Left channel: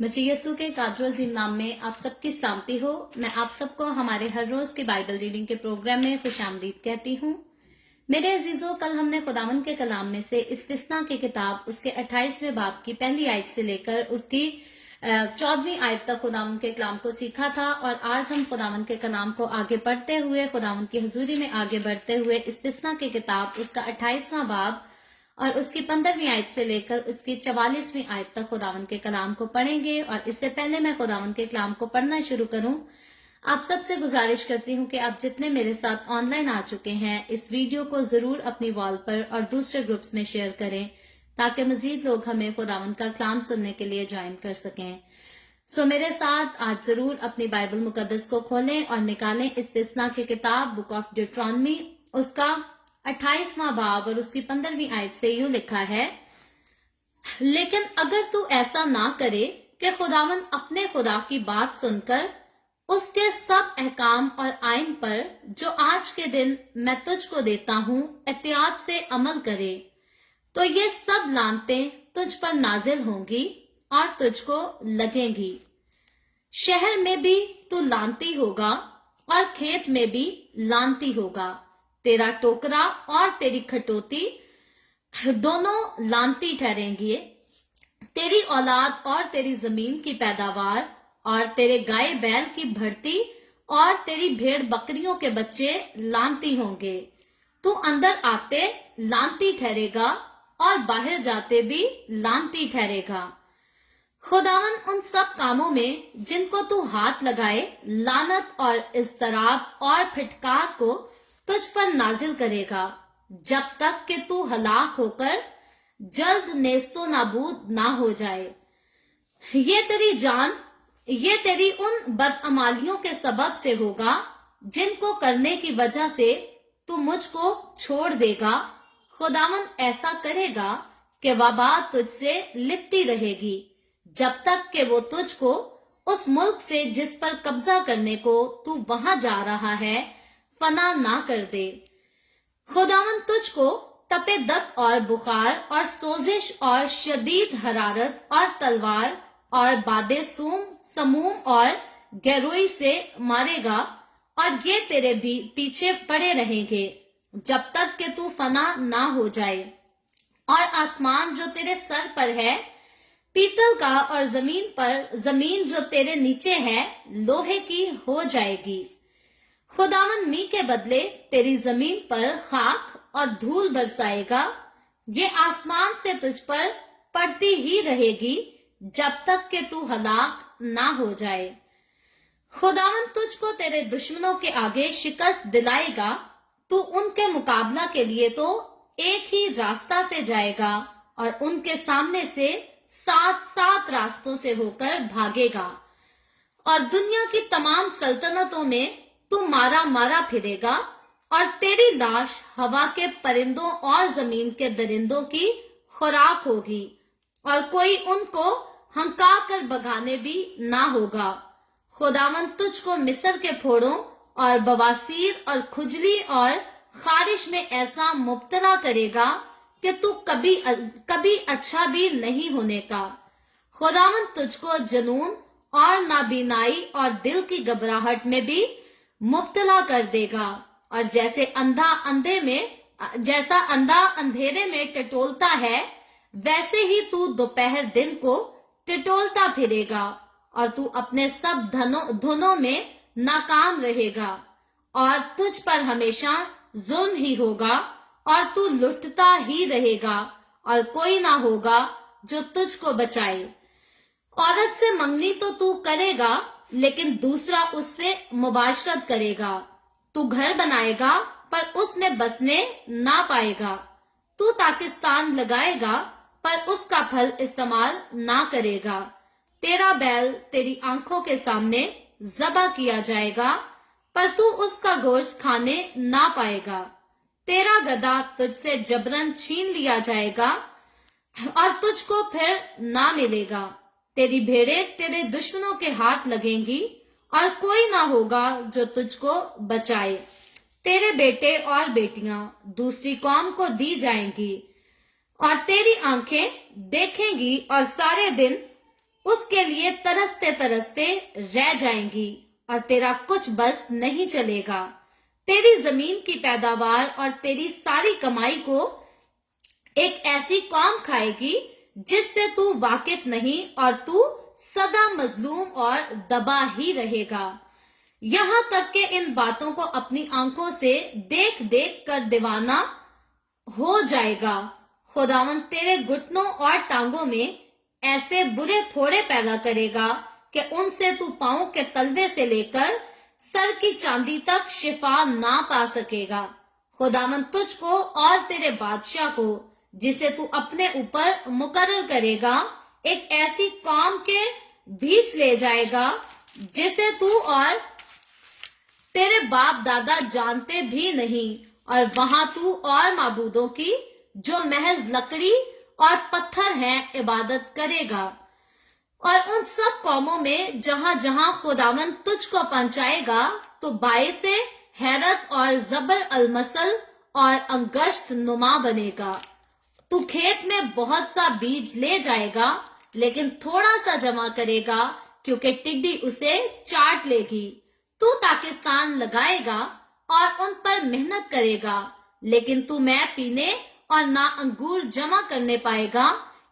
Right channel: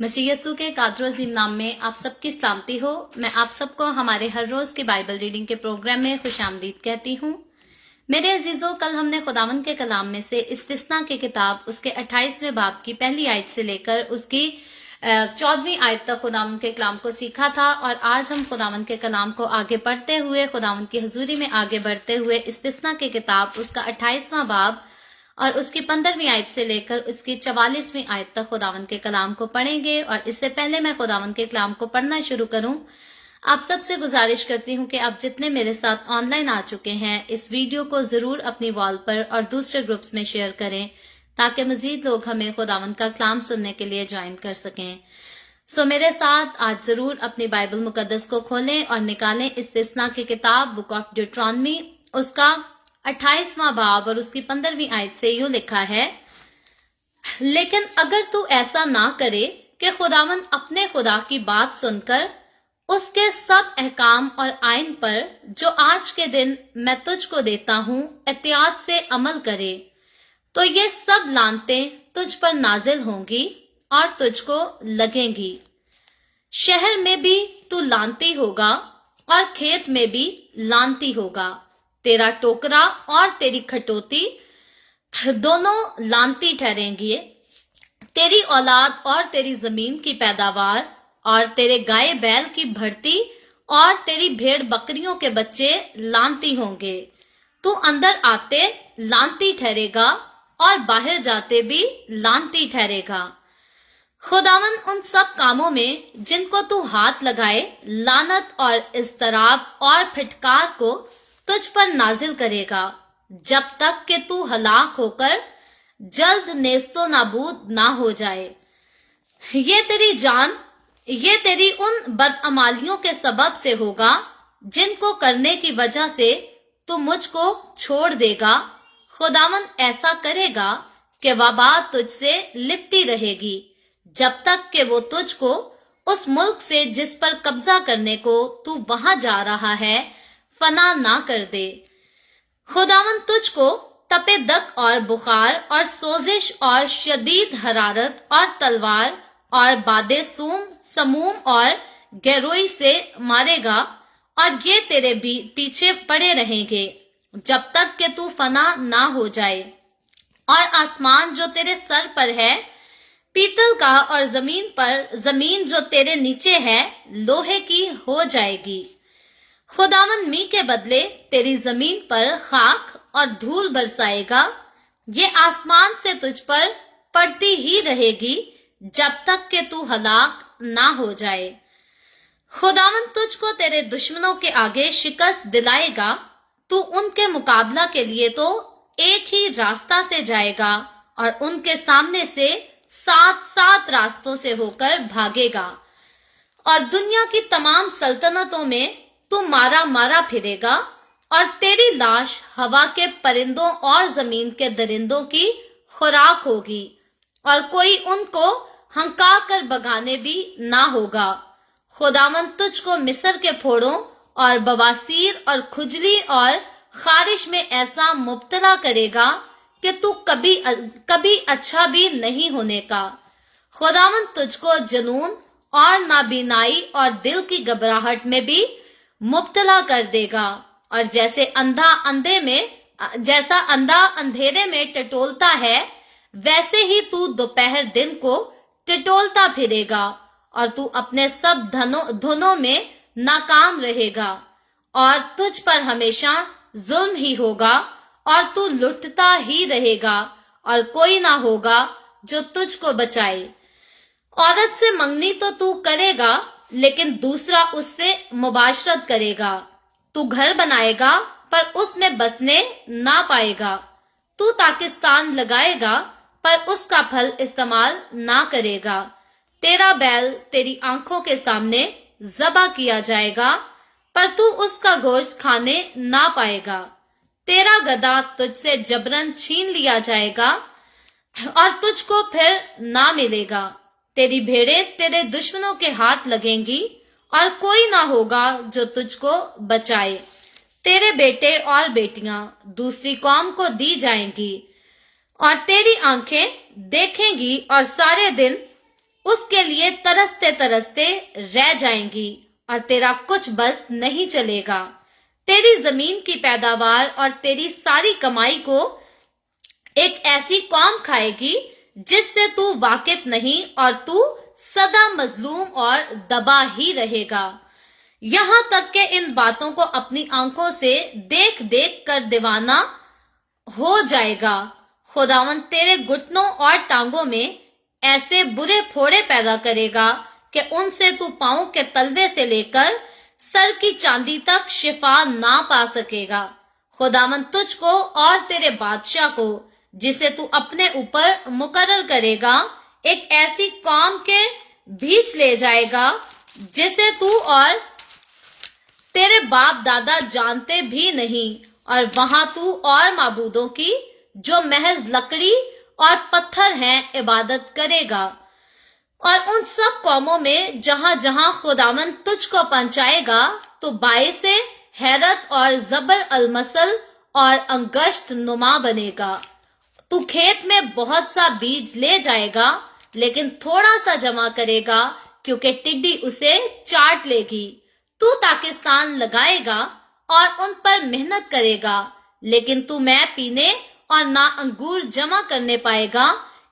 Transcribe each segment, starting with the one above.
मसीह यस्सु के कादर अजीम नाम में आप सबकी सलामती हो। मैं आप सबको हमारे हर रोज के बाइबल रीडिंग के प्रोग्राम में खुशामदीद कहती हूँ। मेरे अजीजों, कल हमने खुदावंद के कलाम में से इस्तिस्ना की किताब उसके 28वें बाब की पहली आयत से लेकर उसकी 14वीं आयत तक खुदावंद के कलाम को सीखा था। और आज हम खुदावंद के कलाम को आगे बढ़ते हुए, खुदावंद की हजूरी में आगे बढ़ते हुए इस्तिस्ना की किताब उसका 28वां बाब और उसकी 15वीं आयत से लेकर उसकी 44वीं आयत तक खुदावंद के कलाम को पढ़ेंगे। और इससे पहले मैं खुदावंद के कलाम को पढ़ना शुरू करूं, आप सबसे गुजारिश करती हूं कि आप जितने मेरे साथ ऑनलाइन आ चुके हैं, इस वीडियो को जरूर अपनी वॉल पर और दूसरे ग्रुप्स में शेयर करें ताकि मजीद लोग हमें खुदावंद का कलाम सुनने के लिए ज्वाइन कर सकें। सो मेरे साथ आज जरूर अपनी बाइबल मुकद्दस को खोलें और निकालें इस्तिस्ना की किताब बुक ऑफ ड्यूटरॉनमी उसका 28वां बाब और उसकी 15वीं आयत से यूं लिखा है, लेकिन अगर तू ऐसा ना करे कि खुदावंद अपने खुदा की बात सुनकर उसके सब अहकाम और आइन पर जो आज के दिन मैं तुझको देता हूं एहतियात से अमल करे, तो ये सब लानतें तुझ पर नाजिल होंगी और तुझको लगेंगी। शहर में भी तू लानती होगा और खेत में भी लानती होगा। तेरा टोकरा और तेरी खटोती दोनों लानती ठहरेंगी। तेरी औलाद और तेरी जमीन की पैदावार और तेरे गाय बैल की भर्ती और तेरी भेड़ बकरियों के बच्चे लानती होंगे। तू अंदर आते लानती ठहरेगा और बाहर जाते भी लानती ठहरेगा। खुदावन उन सब कामों में जिनको तू हाथ लगाए लानत और इस्तराब और फिटकार को तुझ पर नाजिल करेगा, जब तक कि तू हलाक होकर जल्द नेस्तो नाबूद ना हो जाए। ये तेरी जान, ये तेरी उन बदअमालियों के सबब से होगा जिनको करने की वजह से तू मुझको छोड़ देगा। खुदावन ऐसा करेगा कि वबा तुझसे लिपटी रहेगी, जब तक कि वो तुझको उस मुल्क से जिस पर कब्जा करने को तू वहां जा रहा है फना ना कर दे। खुदावन तुझको तपे दक और बुखार और सोजिश और शदीद हरारत और तलवार और बादे समूम और गैरोई से मारेगा, और ये तेरे भी पीछे पड़े रहेंगे जब तक कि तू फना ना हो जाए। और आसमान जो तेरे सर पर है पीतल का, और जमीन जो तेरे नीचे है लोहे की हो जाएगी। खुदावन मी के बदले तेरी जमीन पर खाक और धूल बरसाएगा। ये आसमान से तुझ पर पड़ती ही रहेगी जब तक कि तू हलाक ना हो जाए। खुदावन तुझको तेरे दुश्मनों के आगे शिकस्त दिलाएगा। तू उनके मुकाबला के लिए तो एक ही रास्ता से जाएगा और उनके सामने से 7 रास्तों से होकर भागेगा। और दुनिया की तमाम सल्तनतों में तू मारा मारा फिरेगा, और तेरी लाश हवा के परिंदों और जमीन के दरिंदों की खुराक होगी, और कोई उनको हंका कर भगाने भी ना होगा। खुदावन तुझको मिस्र के फोड़ों और बवासीर और खुजली और खारिश में ऐसा मुब्तला करेगा कि तू कभी अच्छा भी नहीं होने का। खुदावन तुझको जुनून और नाबीनाई और दिल की घबराहट में भी मुब्तला कर देगा, और जैसा अंधा अंधेरे में टटोलता है वैसे ही तू दोपहर दिन को टटोलता फिरेगा, और तू अपने सब धनों में नाकाम रहेगा, और तुझ पर हमेशा जुल्म ही होगा, और तू लुटता ही रहेगा, और कोई ना होगा जो तुझको बचाए। औरत से मंगनी तो तू करेगा, लेकिन दूसरा उससे मुबाशरत करेगा। तू घर बनाएगा पर उसमें बसने ना पाएगा। तू पाकिस्तान लगाएगा पर उसका फल इस्तेमाल ना करेगा। तेरा बैल तेरी आंखों के सामने ज़बा किया जाएगा, पर तू उसका गोश्त खाने ना पाएगा। तेरा गधा तुझसे जबरन छीन लिया जाएगा और तुझको फिर ना मिलेगा। तेरी भेड़ें तेरे दुश्मनों के हाथ लगेंगी, और कोई ना होगा जो तुझको बचाए। तेरे बेटे और बेटियां दूसरी कौम को दी जाएंगी, और तेरी आंखें देखेंगी और सारे दिन اس کے لیے तरसते तरसते रह जाएंगी और तेरा कुछ बस नहीं चलेगा। तेरी जमीन की पैदावार और तेरी सारी कमाई को एक ऐसी कौम खाएगी जिससे तू वाकिफ नहीं और तू सदा मजलूम और दबा ही रहेगा। यहाँ तक कि इन बातों को अपनी आंखों से देख देख कर दीवाना हो जाएगा। खुदावन तेरे घुटनों और टांगों में ऐसे बुरे फोड़े पैदा करेगा कि उनसे तू पांव के तलवे से लेकर सर की चांदी तक शिफा ना पा सकेगा। खुदावन तुझको और तेरे बादशाह को जिसे तू अपने ऊपर मुकर्रर करेगा एक ऐसी कौम के बीच ले जाएगा जिसे तू और तेरे बाप दादा जानते भी नहीं, और वहां तू और माबूदों की जो महज लकड़ी और पत्थर हैं इबादत करेगा। और उन सब कौमों में जहां जहां खुदावन तुझको पहुंचाएगा तो बाइसे हैरत और जबर अलमसल और अंगश्त नुमा बनेगा। तू खेत में बहुत सा बीज ले जाएगा लेकिन थोड़ा सा जमा करेगा क्योंकि टिड्डी उसे चाट लेगी। तू पाकिस्तान लगाएगा और उन पर मेहनत करेगा लेकिन तू मैं पीने और ना अंगूर जमा करने पाएगा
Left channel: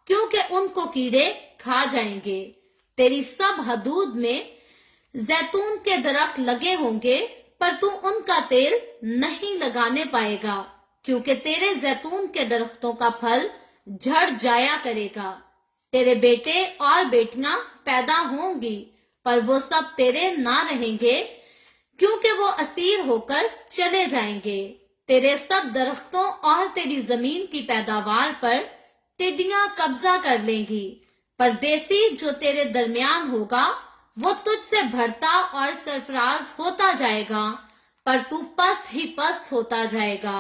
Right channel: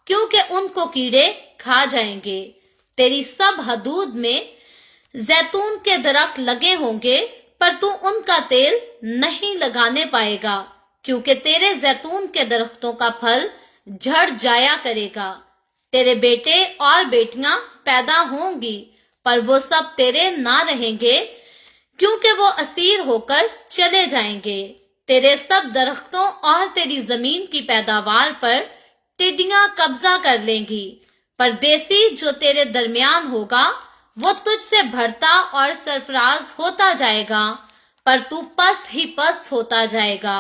क्योंकि उनको कीड़े खा जाएंगे। तेरी सब हदूद में जैतून के दरख्त लगे होंगे पर तू उनका तेल नहीं लगाने पाएगा क्योंकि तेरे जैतून के दरख्तों का फल झड़ जाया करेगा। तेरे बेटे और बेटियां पैदा होंगी पर वो सब तेरे ना रहेंगे क्योंकि वो असीर होकर चले जाएंगे। तेरे सब दरख्तों और तेरी जमीन की पैदावार पर टिड्डियां कब्जा कर लेंगी। परदेसी जो तेरे दरमियान होगा वो तुझसे बढ़ता और सरफराज होता जाएगा पर तू पस्त ही पस्त होता जाएगा।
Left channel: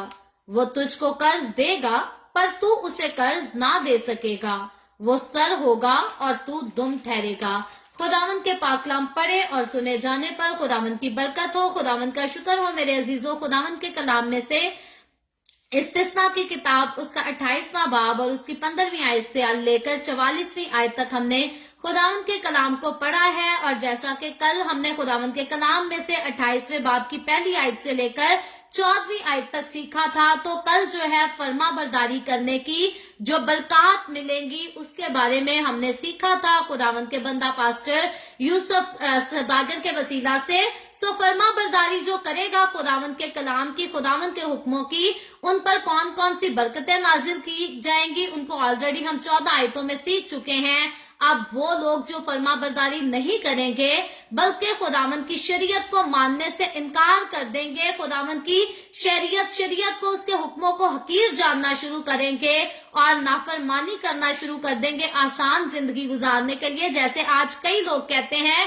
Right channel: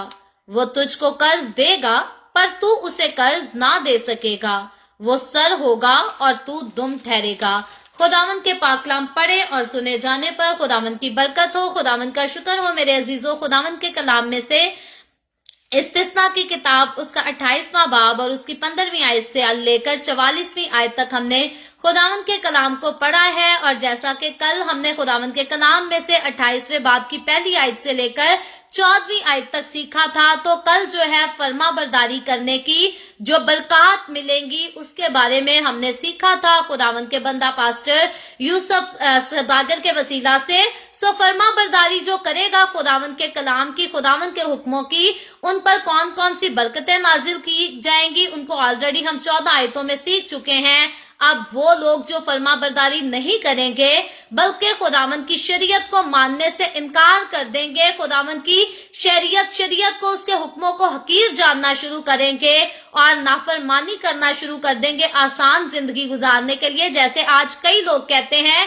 वो तुझको कर्ज देगा पर तू उसे कर्ज ना दे सकेगा। वो सर होगा और तू दुम ठहरेगा। खुदावन के पाकलाम पढ़े और सुने जाने पर खुदावन की बरकत हो। खुदावन का शुक्र हो मेरे अजीजों। खुदावन के कलाम में से इस्तिस्ना की किताब उसका 28वां बाब और उसकी 15वीं आयत से लेकर 44वीं आयत तक हमने खुदावन के कलाम को पढ़ा है। और जैसा कि कल हमने खुदावन के कलाम में से 28वें बाब की पहली आयत से लेकर 14वीं आयत तक सीखा था, तो कल जो है फर्मा बरदारी करने की जो बरकत मिलेंगी उसके बारे में हमने सीखा था खुदावन के बंदा पास्टर यूसुफ सदागर के वसीला से। सो फर्मा बरदारी जो करेगा खुदावन के कलाम की, खुदावन के हुक्मों की, उन पर कौन कौन सी बरकतें नाजिल की जाएंगी उनको ऑलरेडी हम 14 आयतों में सीख चुके हैं। अब वो लोग जो फर्मा बरदारी नहीं करेंगे बल्कि खुदावन की शरीयत को मानने से इनकार कर देंगे, खुदावन की शरीयत को उसके हुक्मों को हकीर जानना शुरू करेंगे और नाफरमानी करना शुरू कर देंगे आसान जिंदगी गुजारने के लिए। जैसे आज कई लोग कहते हैं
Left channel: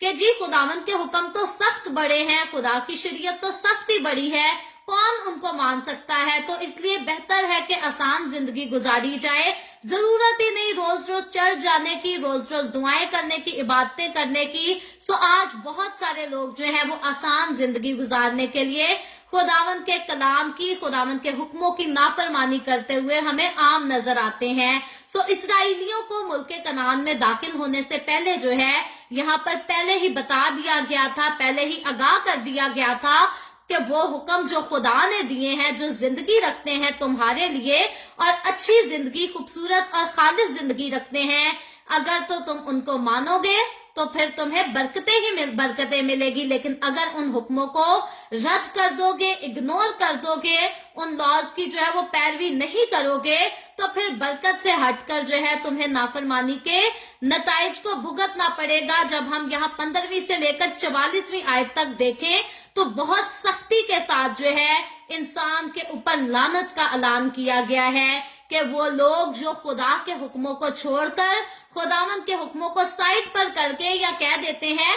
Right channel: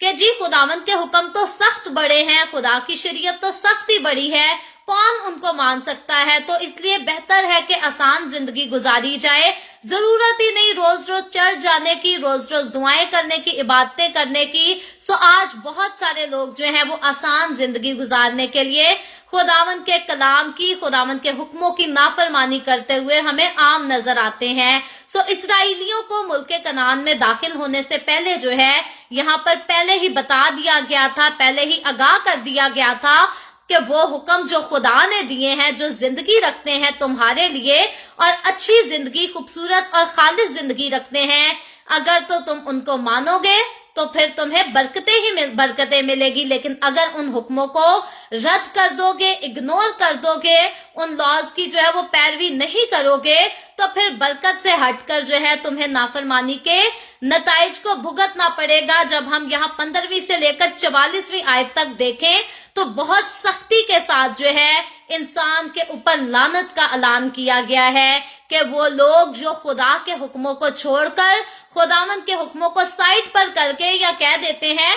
कि जी खुदावन के हुक्म तो सख्त बड़े हैं, खुदा की शरीयत तो सख्त ही बड़ी है, कौन उनको मान सकता है, तो इसलिए बेहतर है कि आसान जिंदगी गुजारी जाए। जरूरत ही नहीं रोज रोज चर्च जाने की, रोज रोज दुआएं करने की, इबादतें करने की। सो आज बहुत सारे लोग जो हैं वो आसान जिंदगी गुजारने के लिए खुदावन के कलाम की, खुदावन के हुक्मों की नाफरमानी करते हुए हमें आम नजर आते हैं। सो इस्राएलियों को मुल्क कनान में दाखिल होने से पहले जो है यहाँ पर पहले ही बता दिया गया था, पहले ही आगाह कर दिया गया था कि वो हुक्म जो खुदा ने दिए हैं, जो जिंदगी रखते हैं तुम्हारे लिए और अच्छी जिंदगी, खूबसूरत और खालिस जिंदगी रखते हैं, अगर तो तुम उनको मानोगे तो फिर तुम्हें बरकतें मिलेगी। लेकिन अगर उन हुक्मों को रद्द कर दोगे, इग्नोर कर दोगे, उन लॉज की जो है वो पैरवी नहीं करोगे, तो फिर बरकत से हटकर जो है तुम्हें नाफरमानी के नताइज को भुगतना पड़ेगा। जब हम यहाँ 15वीं से लेकर 44वीं आयत तक देखें तो बहुत सख्ती के साथ जो है इंसान के ऊपर लानत का ऐलान किया गया है कि वो लोग जो खुदा के हुक्मों को छोड़कर, खुदावन के हुक्मों को साइड पर करके या कह देते हैं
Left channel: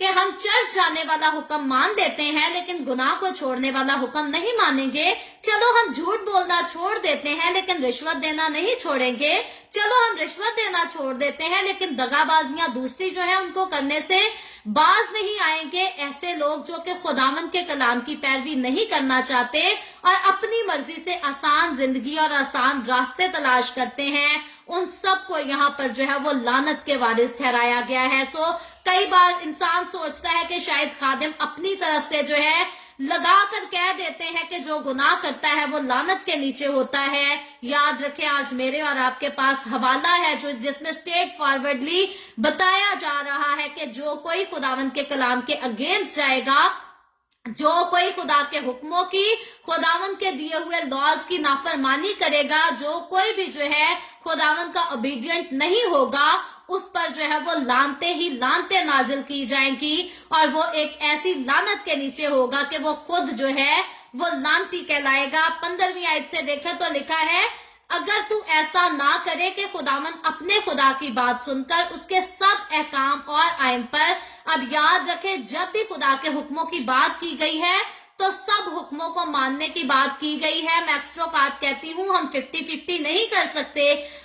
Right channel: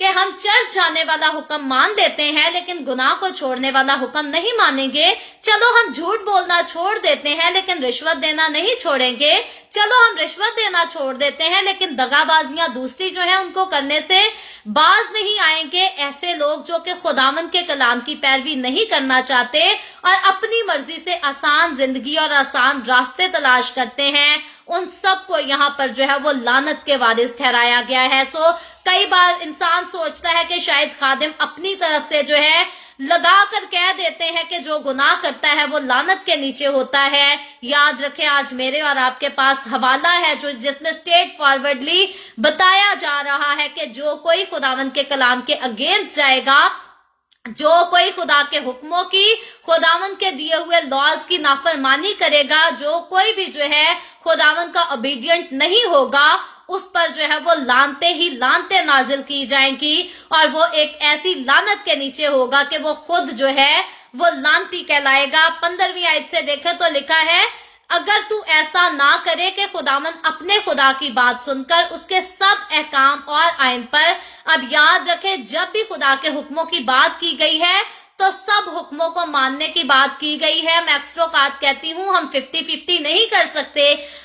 कि हम चर्च जाने वाला हुक्म मान लेते हैं लेकिन गुनाह को छोड़ने वाला हुक्म नहीं मानेंगे, चलो हम झूठ बोलना छोड़ देते हैं लेकिन रिश्वत देना नहीं छोड़ेंगे, चलो हम रिश्वत देना छोड़ देते हैं लेकिन दगाबाजियां दूसरी जो है उनको करने से बाज नहीं आएंगे ऐसे लोग जो कि खुदावंद के कलाम की पैरवी नहीं करना चाहते और अपनी मर्जी से आसान जिंदगी और आसान रास्ते तलाश करते हैं। उन सब को यहाँ पर जो है वो लानत के वारिस ठहराया गया है। सो कई बार इंसान सोचता है कि शायद खादिम अपनी तरफ से जो है लगा कर कह देते हैं कि जो गुनाह करता है वो लानत के नीचे होता है। याद रखें, आज मेरे और आपके पास हवाला है जो जिसमें स्ट्रेट फॉरवर्डली बताया जा रहा है कि जो कोई खुदावंद के कलाम के अगेंस्ट जाएगा, जो कोई खुदा के हुक्मों की, खुदावंद के दिए हुए लॉज की नाफरमानी करेगा, जो कोई भी जो है खुदावंद का ओबीडियंट नहीं होगा, उस पर जो है वो लानते ही लानते नाजिल की जाएंगी और वो एक ऐसी लानत के नीचे होगा कि वो खुद जो है वो लानती कहलाएगा। 15वीं आयत से देखें तो लिखा है, अगर तू ऐसा ना करे कि खुदावंद अपने खुदा की बात सुनकर उसके सब अहकाम और आयन पर, अब याद रखे जब भी खुदा के हुक्मों की बात की गई है तो सब हुक्मों को मानने की बात की गई है। मैं अक्सरोकात कहती हूँ, हम 50-50 नहीं कर सकते।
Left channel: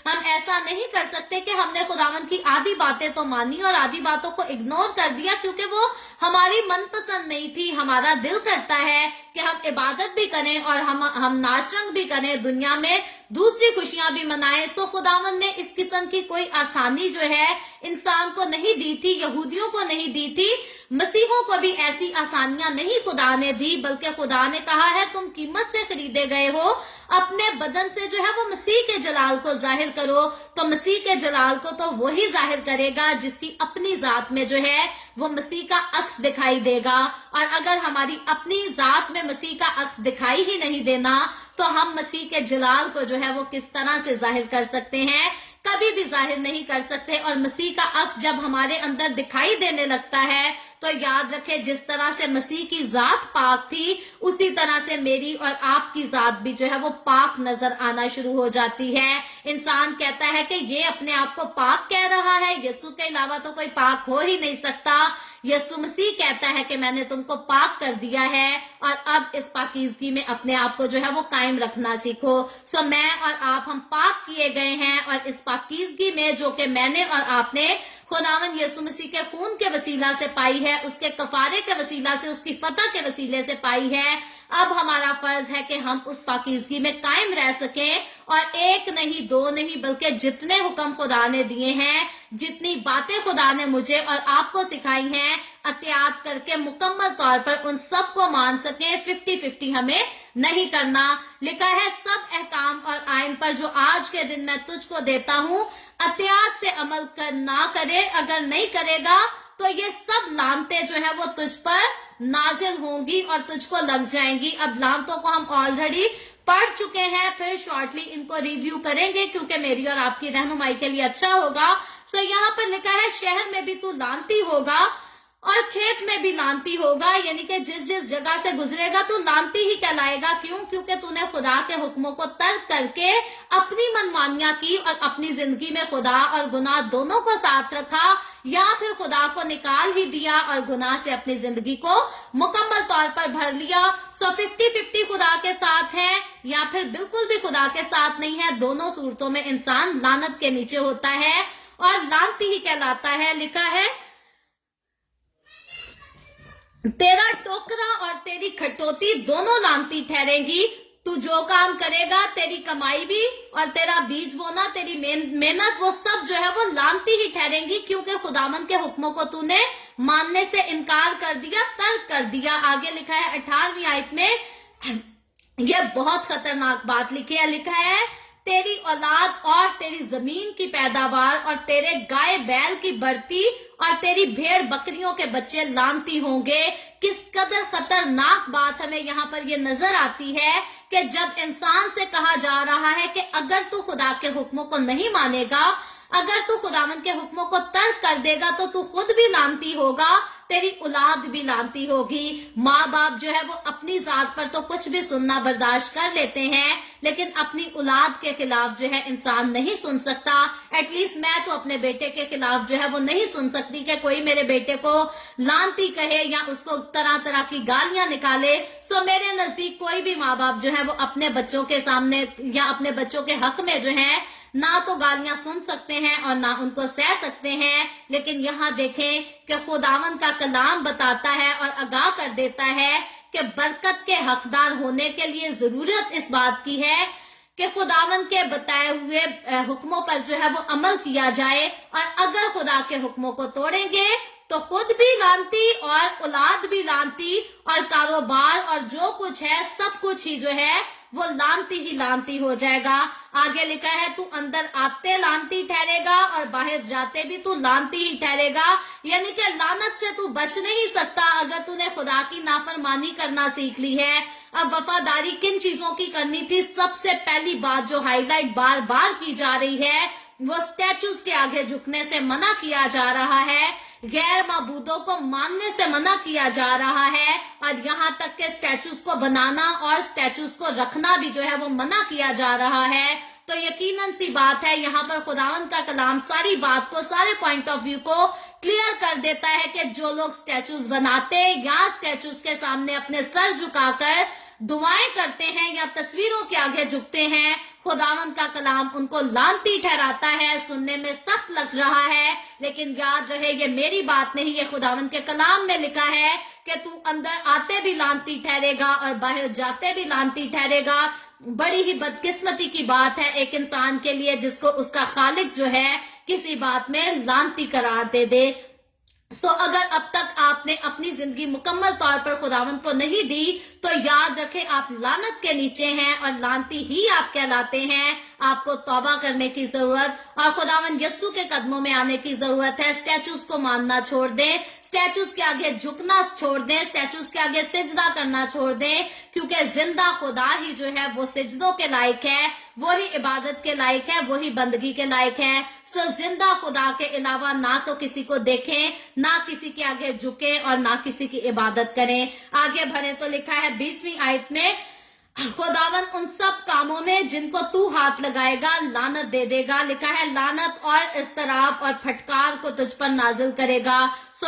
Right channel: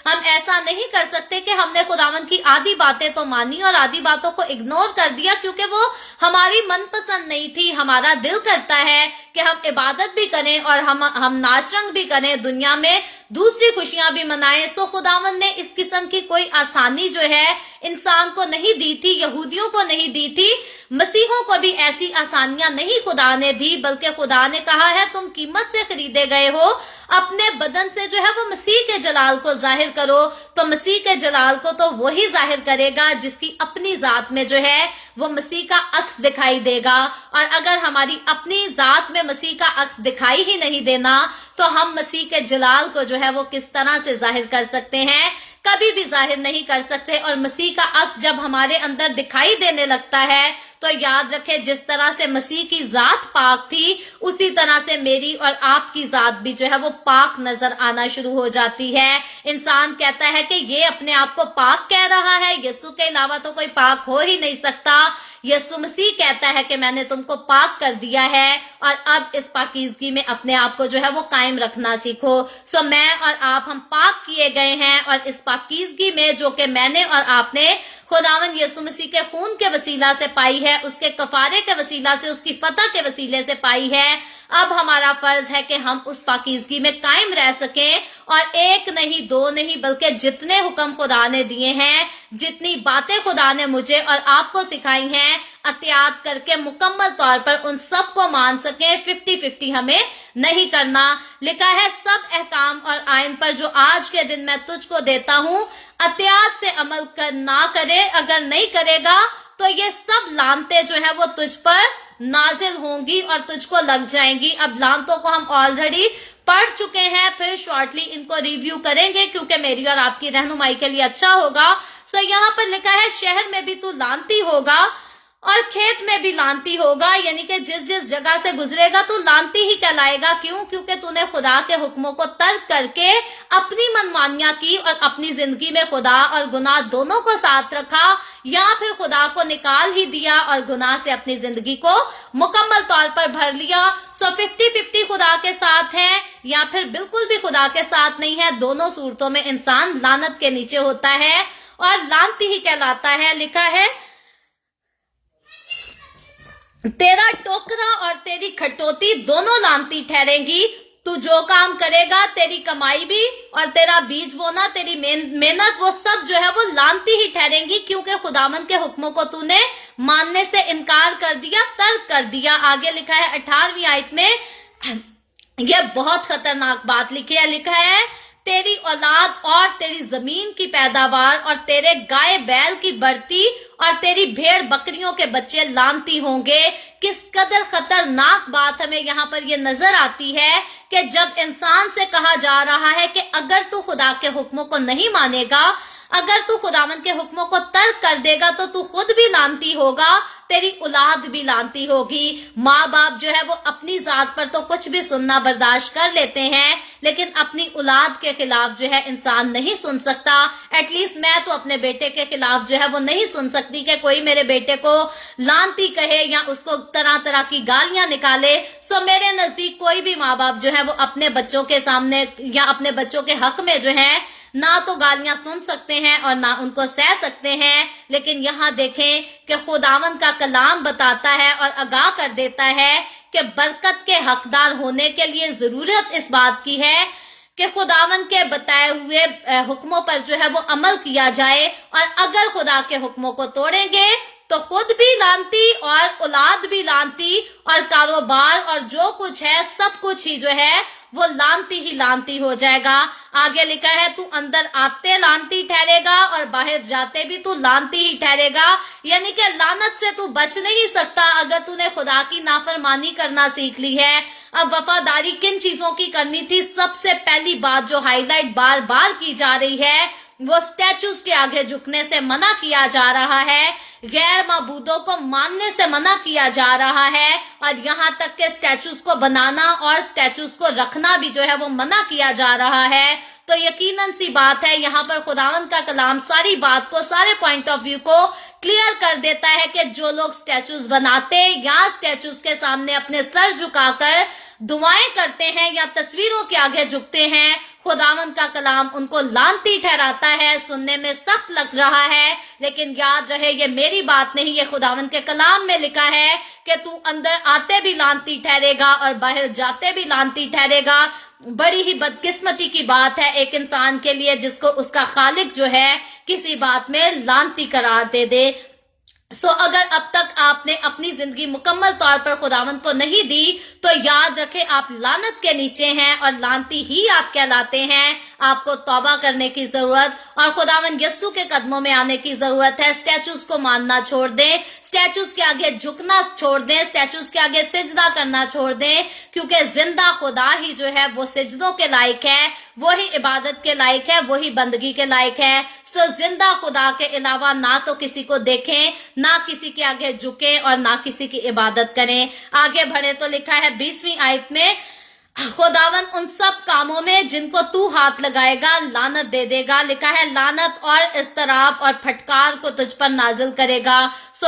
हम ऐसा नहीं कर सकते कि हमने खुदावंद की आधी बातें तो मानी और आधी बातों को इग्नोर कर दिया क्योंकि वो हमारी मनपसंद नहीं थी। हमारा दिल करता है कि हम इबादत भी करें और हम नाच रंग भी करें, दुनिया में दूसरी खुशियां भी मनाएं। सो खुदावंद ने इस किस्म की कोई आसानी जो है इंसान को नहीं दी थी, यहूदियों को नहीं दी थी, मसीहों को भी ऐसी आसानियां नहीं खुदा ने दी, बल्कि खुदा ने कहा है तुम कीमत से खरीदे गए हो, अपने बदन से जो है वो मसीह के जलाल को जाहिर करो। तो मसीह के जलाल को तो वही जाहिर करेगा जिसकी अपनी जात में जो है वो मसीह का अक्स दिखाई देगा। और अगर हमारी अपनी जात में मसीह का अक्स दिखाई ही नहीं देना तो हम मसीह के जलाल को जो है वो किस तरह से जाहिर कर सकते हैं? कभी भी जाहिर नहीं कर सकते। और मसीह का अक्स जब हमारे अंदर दिखाई देने लगता है तो याद रखें, जिस तरह से मसीह की जात पाक थी उसी तरह से मेरी और आपकी जात भी जो है वो पाक नजर आना शुरू हो जाती है। इंसान कहता है कि ये अपने आप को पाक कह रहा है, यीशु के अलावा तो कोई पाक हो ही नहीं सकता। यीशु मसीह कहता है कि मैंने तुमको पाक कर दिया है और अब इस पाकीज़गी में अपने आप को जो है वो कायम रखना सीखो। सो मैं और आप, हम पाक किए गए हैं और इस पाकीज़गी में जो कि मैंने और आपने खुदावंद यीशु मसीह के खून के वसीला से पाई है, उसके कफारे के वसीला से, उसकी फतह के वसीले से पाई है, अब हमारा फर्ज है कि हम उस पाकीज़गी में कायम रह सकें और एक नहीं, दो नहीं, बल्कि जितने हुक्म खुदा ने दिए हैं, जितनी बातें खुदा ने मुझे और आपको सिखाई हैं, अतियात करके मुकम्मल तौर पर उन सब को मान सकें। 50-50 हमें नहीं करना। लिखा है, सब अहकाम और आयन पर जो आज के दिन मैं तुझको देता हूँ, अतियात से अमल ना करे, अगर नहीं करेगा तो ये सब लानते जो है वो तुझ पर नाजिल होंगी और तुझको लग जाएंगी। अब लानतों को हम ऑलरेडी पढ़ चुके हैं, फिर शॉर्टली इनको रिव्यू करेंगे क्योंकि मेरी और आपकी रहनुमाई के लिए अच्छा होगा। सो यहाँ पर लिखा है, शहर में भी तू लानती होगा और खेत में भी लानती होगा, यानी कि जिस जिस जगह से गुजरेगा तू लानती ही कहलाएगा। क्यों? क्योंकि तूने खुदा के हुक्मों को तर्क करके अपनी मनमानियां की और अपनी जिंदगी में खुदा और गुनाह दोनों को साथ रखा, या फिर खुदा को निकाल ही दिया और गुनाह से अपनी जिंदगी को मुकम्मल तौर पर भर लिया। सो 50-50 खुदा के साथ है या फिर बिल्कुल भी खुदा के साथ नहीं है। दोनों सूरतों में इंसान लानत के नीचे होता है और लानती ही कहलाता है। लिखा है, तेरा टोकरा और तेरी खटोती दोनों लानती ठहरेंगी। तू जो काम करेगा, तेरी कमाई भी और तेरा बीज बोना, तेरी मेहनत, वो सब जो है वो लानती ही ठहरेंगी, क्योंकि खुदावंद के हुक्मों को तूने मानने से इनकार कर दिया, तर्क कर दिया। आगे लिखा है 18वीं आयत में, यह बहुत खतरनाक बात लिखी है। लिखा है, तेरी औलाद और तेरी जमीन की पैदावार और तेरे गाय बैल की बढ़ती और तेरी भेड़ बकरियों के बच्चे लानती होंगे। किस कदर खतरनाक बात हमें यहाँ पर ये नजर आती है कि जब इंसान से कहा जा रहा है कि अगर तू खुदा के हुक्मों को नहीं मानेगा, अगर तू खुदावंद के हुक्मों को तर्क कर देगा तो तू खुद भी लानती होगा, तेरी औलाद भी लानती होगी। माँ बाप जो है वो अपनी जात पर तो कुछ भी सुनना बर्दाश्त कर लेते हैं, लेकिन अपनी औलाद के खिलाफ जो है इंसान नहीं सुन सकता। एटलीस्ट मैं तो अपने बेटे के खिलाफ जो है वो नहीं सुन सकती कि कोई मेरे बेटे को लानती कहे या उसको तरह तरह की गालियां निकाले। सो मेरे नजदीक कोई भी माँ बाप जो है वो अपने बच्चों के सामने या अपने बच्चों के हक में जो है ना तो गालियां सुन सकते हैं और ना उनको सह सकते हैं। लेकिन यहाँ देखें कि खुदावंद का कलाम बताता है और आगाह कर देता है कि बरकत के हकदार होने के लिए जरूरत इस बात की है कि खुदावंद के बताए हुए हुक्मों पर जो है वो अमल किया जाए, और अगर खुदा के हुक्मों को तोड़ेंगे तो खुद भी लानती और औलाद भी लानती, और कारोबार और जो कुछ है सब कुछ ही जो है वो लानती ही लानती हो जाएगा। आगे लिखा है, तू अंदर आते लानती ठहरेगा और बाहर जाते भी तू लानती ही ठहरेगा। यानी कि लानत से तू बच नहीं सकता अगर तूने खुदा की नाफरमानी करना सीख ली है। अब वफादारी किन चीजों की करनी थी? सबसे पहली बात जो हाईलाइट बार बार की जा रही है वो स्टैचूज के आगे झुकने से मना किया जा रहा है, गैर माबूदों को मानने से मना किया जा रहा है, और यहाँ तक के स्टैचूज को बनाना और स्टैचूज को रखना भी जो है वो मना किया जा रहा है। तो यकीनन सी बात है, यहाँ पर खुदावंद का कलाम सारी बात को, सारे पॉइंट ऑफ व्यू को क्लियर कर देता है कि जो लोग स्टैचूज बनाते या स्टैचूज के सामने अपने सर झुकाकर दुआएं करते हैं या तस्वीरों के आगे झुकते हैं, खुदावंद का कलाम उनको लानती ठहराता है। सुनने में सख्त लग रहा है, लेकिन याद रहे ये मेरी बात नहीं, ये खुदावंद के कलाम में लिखा है कि तू अंदर आते भी लानती ठहरेगा और बाहर जाते भी लानती ठहरेगा। बड़ी ही बदकिस्मती की बात है एक इंसान के लिए जिसको उसका खालिक जो है किसी बात में लानती करार दे। अगर अब तक आपने अपनी जिंदगी मुकम्मल तौर पर खुदावंद को नहीं दी तो याद रखें आप लानत के नीचे हैं और लानती ही आप कहलाते हैं। आपको तौबा करने की जरूरत और खुदावंद यस्सु के कदमों में आने की जरूरत है। स्टैचूज को मानना छोड़ दें, स्टैचूज के आगे झुकना छोड़ दें, स्टैचूज के आगे सिजदा करना छोड़ दें, क्योंकि जिंदा खुदा ही जो है वो सिजदों के लायक है, वो ही इबादत के लायक है, वो ही बंदगी के लायक है। जिंदा खुदा के अलावा ना तो किसी को देखें, ना किसी के आगे झुके और ना किसी की इबादत करें। आगे बढ़े तो लिखा है 20वीं आयत में, खुदावन उन सब कामों में जिनको तू हाथ लगाएगा लानत दे देगा। लिखा है लानत और इस्तराब और फटकार को तुझ पर नाजिल करेगा।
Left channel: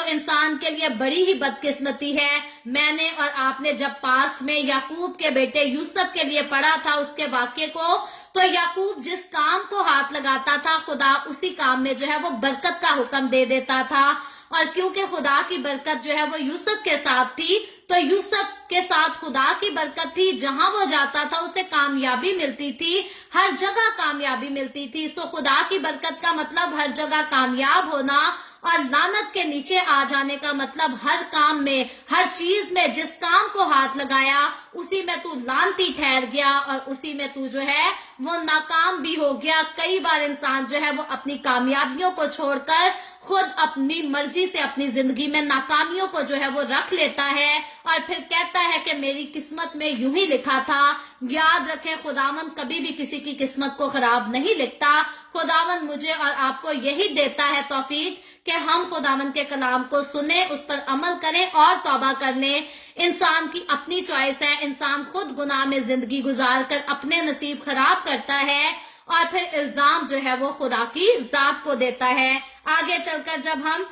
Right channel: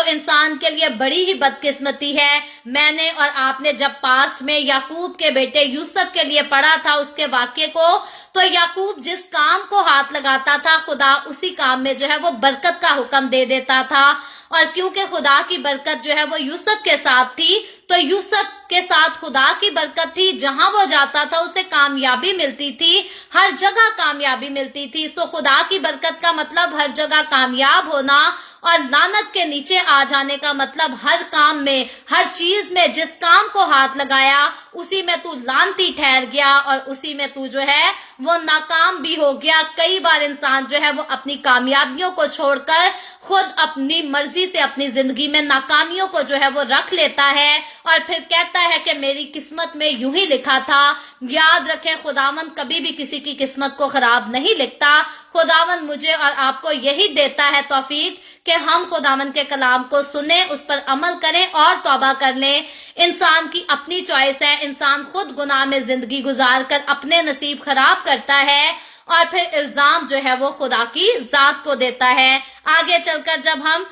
इंसान के लिए बड़ी ही बदकिस्मती है। मैंने और आपने जब पास्ट में याकूब के बेटे यूसुफ के लिए पढ़ा था उसके वाक्य को, तो याकूब जिस काम को हाथ लगाता था खुदा उसी काम में जो है वो बरकत का हुक्म दे देता था। और क्योंकि खुदा की बरकत जो है वो यूसुफ के साथ थी, तो यूसुफ के साथ खुदा की बरकत थी, जहां वो जाता था उसे कामयाबी मिलती थी, हर जगह कामयाबी मिलती थी। खुदा की बरकत का मतलब हर जगह कामयाब होना, और लानत के नीचे आ जाने का मतलब हर काम में, हर चीज में जिस काम को हाथ लगाया उसी में तू लानती ठहर गया और उसी में तू जो है वो नाकाम भी हो गया। कई बार इंसान जो है वो अपनी कामयाबियों को छोड़कर खुद अपनी मर्जी से अपनी जिंदगी में नाकामियों को जो है वो रख लेता है और फिर कहता है कि मेरी किस्मत में यूं ही लिखा था। याद रखें खुदावंद कभी भी किसी की किस्मत को खराब नहीं लिखता। खुदावंद मुझे और आपको यही देता है तौफीक कि हम खुदावंद के कलाम को सुने, उस पर अमल करें और तौबा कर लें। इंसान की अपनी चॉइस है, इंसान खुद गुनाह में जिंदगी गुजार कर अपने नसीब खराब करता है और फिर इल्जाम जो है वो खुदा की जात को देता है। आगे चलकर जब हम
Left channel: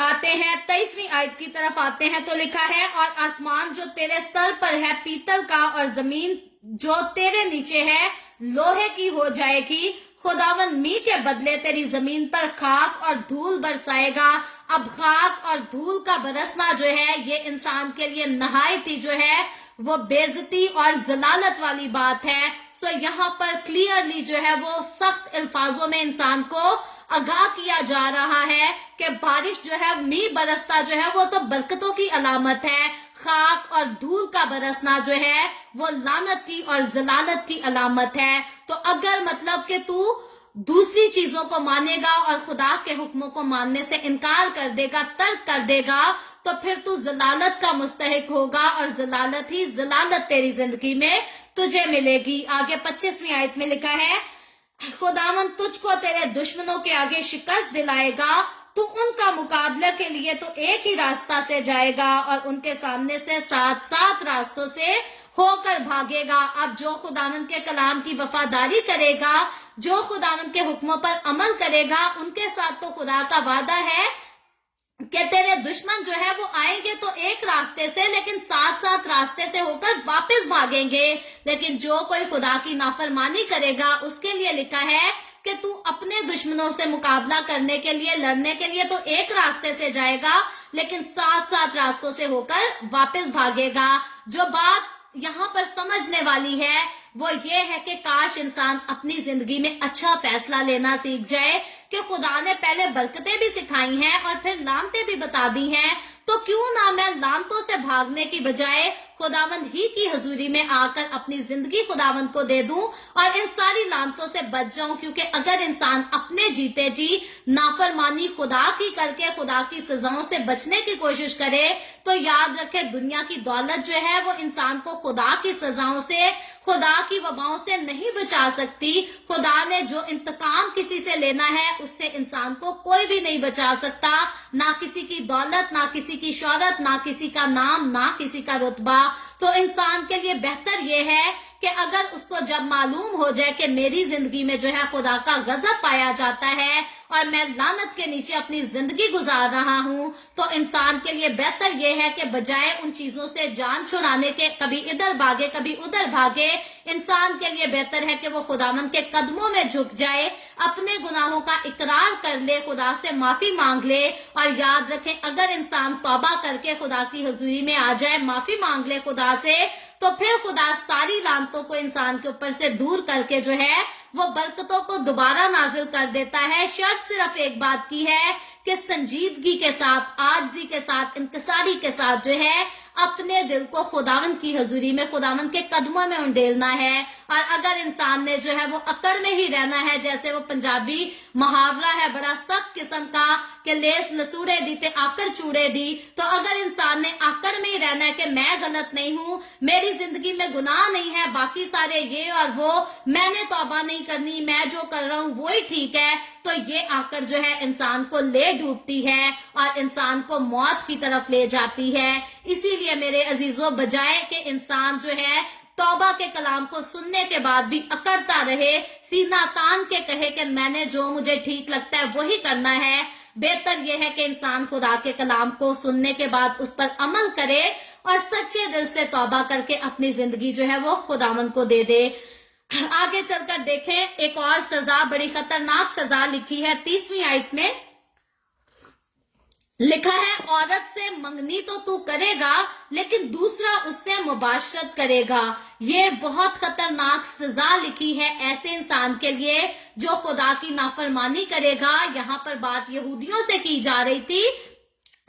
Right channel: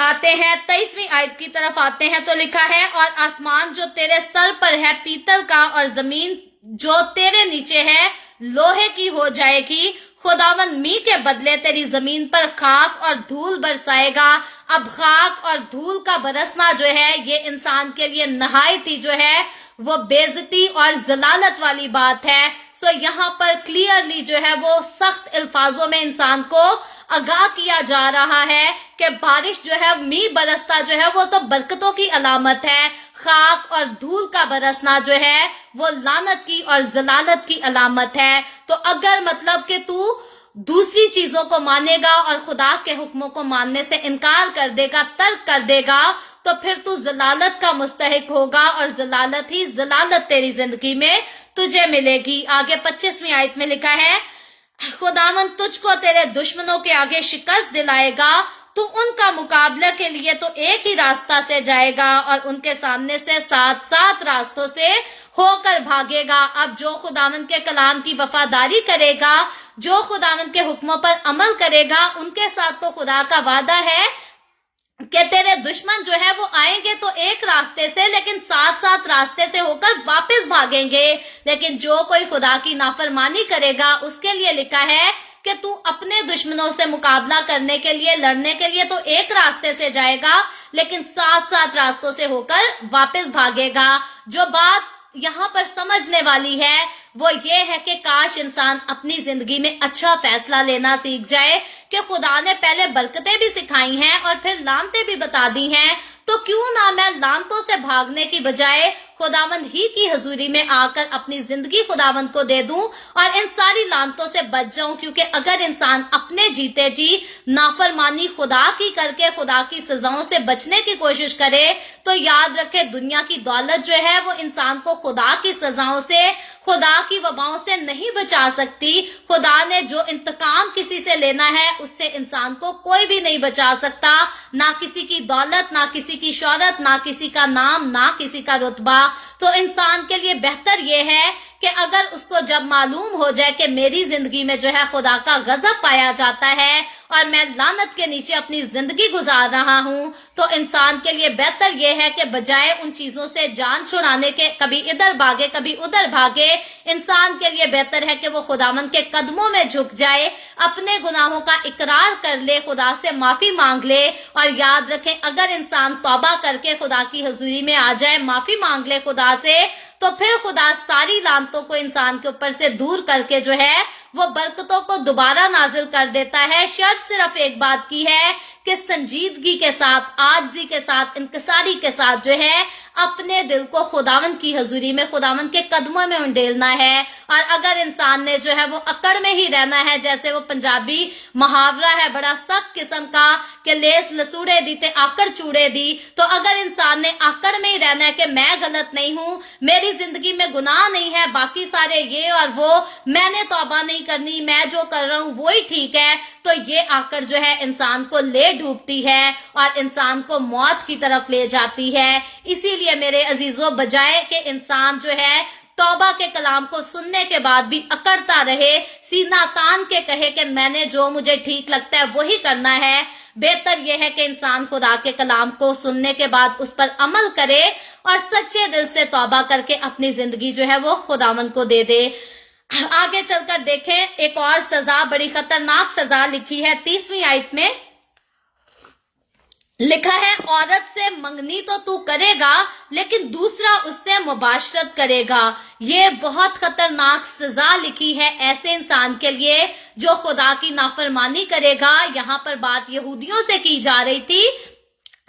आते हैं 23वीं आयत की तरफ आते हैं तो लिखा है, और आसमान जो तेरे सर पर है पीतल का और जमीन जो तेरे नीचे है लोहे की हो जाएगी। खुदावंद मी के बदले तेरी जमीन पर खाक और धूल बरसाएगा। अब खाक और धूल का बरसना जो है ये इंसान के लिए नहायत ही जो है वो बेइज्जती और जलालत वाली बात है। यहाँ पर क्लियरली जो है वो सख्त अल्फाजों में इंसान को आगाह किया जा रहा है कि बारिश जो है मी बरसता जो है वो तो बरकतों की अलामत है, खाक और धूल का बरसना जो है वो लानत की और जलालत की अलामत है। तो अगर मतलब कि तू दूसरी चीजों को मानेगा और खुदा के हुक्मों को मानने से इनकार कर देगा, तर्क कर देगा, तो फिर तू जलालत का मुस्तहिक होगा और जलालत ही जलालत तेरी जिंदगी में तुझे मिलेगी। आगे 25वीं आयत में लिखा है, खुदावंद तुझको तेरे दुश्मनों के आगे शिकस्त दिलाएगा, तू उनका मुकाबला के लिए तो एक ही रास्ता से जाएगा और उनके सामने से 7 रास्तों से होकर भागेगा। अब जो खुदावंद के कलाम की वफादारी करेगा, जो खुदावंद के हुक्मों पर अमल करेगा, उनके साथ तो खुदा का वादा है कि तेरे दुश्मन जो है वो आएंगे तो एक रास्ते से, लेकिन सात सात रास्ते से होकर वापस भागेंगे, लेकिन जो कोई खुदा की नाफरमानी करेगा उसके लिए लिखा है कि तू अपने दुश्मनों से मुकाबला करने के लिए, लड़ने के लिए तो एक रास्ते से जाएगा, लेकिन सात सात रास्तों से होकर वापस भागेगा। जो बात यहाँ पर समझने वाली है वो ये है कि काश इंसान अपनी जिंदगी में अच्छा फैसला लेना सीख जाए कि खुदा ने पहले बरकतें भी सिखाई हैं और फिर लानतें भी बता दी हैं, तो क्यों ना मैं लानतों से भागने की बजाय खुदावंद ही की हजूरी में आकर अपनी जिंदगी खुदावंद को दे दूं और इन सारी लानतों से बच जाऊं। क्योंकि अगर इंसान अपने जीते जी नाफरमानी खुदा की करके खुदा की सजाओं से बचने की कोशिश करे तो याद रखे दुनिया की दौलत जो है वो इंसान को खुदा की सजाओं से, खुदा की वबाओं से नहीं बचा सकती। खुदा ने जो इंतकाम किसी से लेना है उससे इंसान को कोई भी नहीं बचा सकता, ना किसी की दौलत, ना किसी की शोहरत, ना किसी का नाम, ना किसी का रुतबा। तो इंसान के लिए बेहतर ये है कि अगर उसको जब मालूम हो जाए कि मेरी जिंदगी में जो है खुदा का गजब पाया जाता है और मैं लानत के नीचे अपनी जिंदगी गुजार रहा हूं, तो इंसान के लिए बेहतर ये है कि बजाय उन चीजों से जान छुड़ाने के कभी इधर भागे कभी उधर भागे, इंसान के लिए बेहतर है कि वो खुदावंद के कदमों में झुक जाए, अपने गुनाहों का इकरार कर ले, खुदा से माफी मांग ले। और याद रखें अगर इंसान तौबा करके खुदा की हजूरी में आ जाए, माफी मांग ले खुदा से, तो फिर खुदा सारी लानतों को इंसान के ऊपर से दूर करके जो है वो बरकतों को दोबारा नाजिल कर देता है। शर्त सिर्फ एक बात की है कि संजीदगी के साथ, आजिज़ी के साथ, इंकिसारी के साथ जो है अपने दिल को खुदावंद की हजूरी में, खुदावंद के कदमों में उंडेलना है। और अगर इंसान ने जो है वो अकड़ में ही रहना है, जैसे वो पंजाबी मुहावरा है बड़ा सख्त किस्म का कि लेस लसूड़े दी ते आकड़ चूड़े दी, तो अगर इंसान ने आकड़ में ही रहना है कि मैं गलत नहीं हूँ, मेरी जिंदगी में गुनाह नहीं है, बाकी सारे ये और वो, मैंने तौबा नहीं करनी, मैं जो कर रहा हूँ वो ही ठीक है, तो ये आकर जो है इंसान को ले डूबती है और इंसान को मौत की तरफ ले जाती है। इसीलिए मेरे अजीजों, बजाय कि इंसान जो है तौबा के कलाम को सुनने के बाद भी अकड़ता रहे, सीना तान के कहे कि मैंने जो मुझे ठीक लगता है वही करना है, बेहतर यह है कि इंसान खुदा के कलाम को सुनने के बाद उस पर अमल करे और सच्चे दिल से तौबा करके अपनी जिंदगी जो है वो खुदावंद को दे दे। आगे चलकर देखें एक और सजा, बड़ी खतरनाक सजा लिखी है 30वीं आयत में। लिखा है औरत से मंगनी तो तू करेगा लेकिन दूसरा उससे मुबाशरत करेगा। ये बहुत खतरनाक सजा लिखी है ऐसे इंसान के लिए जो खुदा की नाफरमानी करेगा। यहाँ पर बात यहूदियों से की जा रही थी,